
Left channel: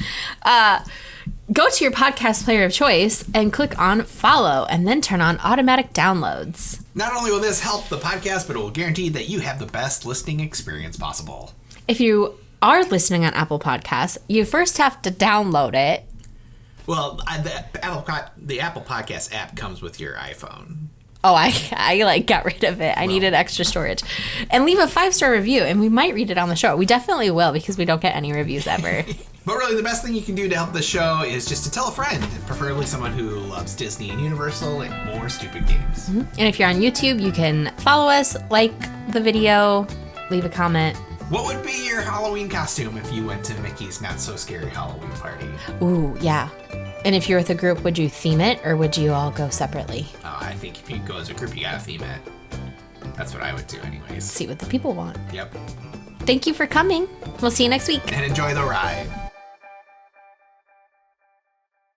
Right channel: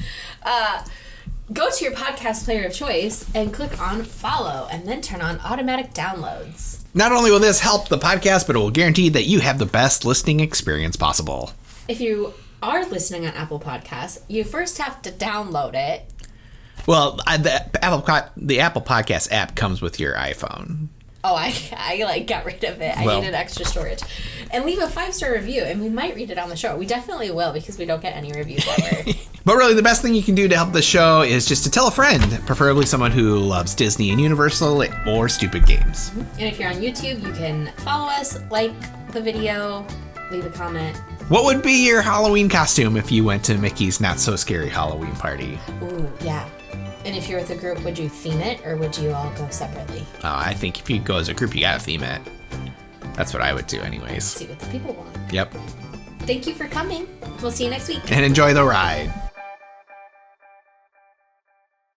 Go to your podcast player of choice and click on follow and then turn on automatic downloads. Not only will this help the podcast, but it will guarantee that you have the best listening experience possible. If you are listening on Apple Podcasts, you first have to download it. Well, the Apple Podcast app comes with your iPhone. Oh, I like got rid of it. I needed extra storage. And leave a 5-star review, and we might read it on the show. We definitely will, because we don't get any reviews ever. But really, the best thing you can do to help the show is just to tell a friend, preferably someone who loves Disney and Universal or stupid games. Mm-hmm. And if you're on YouTube, you can follow us, like the video, leave a comment. What would be your Halloween costume if you went to Mickey's Not So Scary Halloween party? Ooh, yeah. And if you're with a group, would you theme it or would you all go separately? I think if you go as a group, you gotta theme it. That's what I would do anyways. See what the people want. Yep. Thank you for coming. We'll see you next week. And enjoy the ride.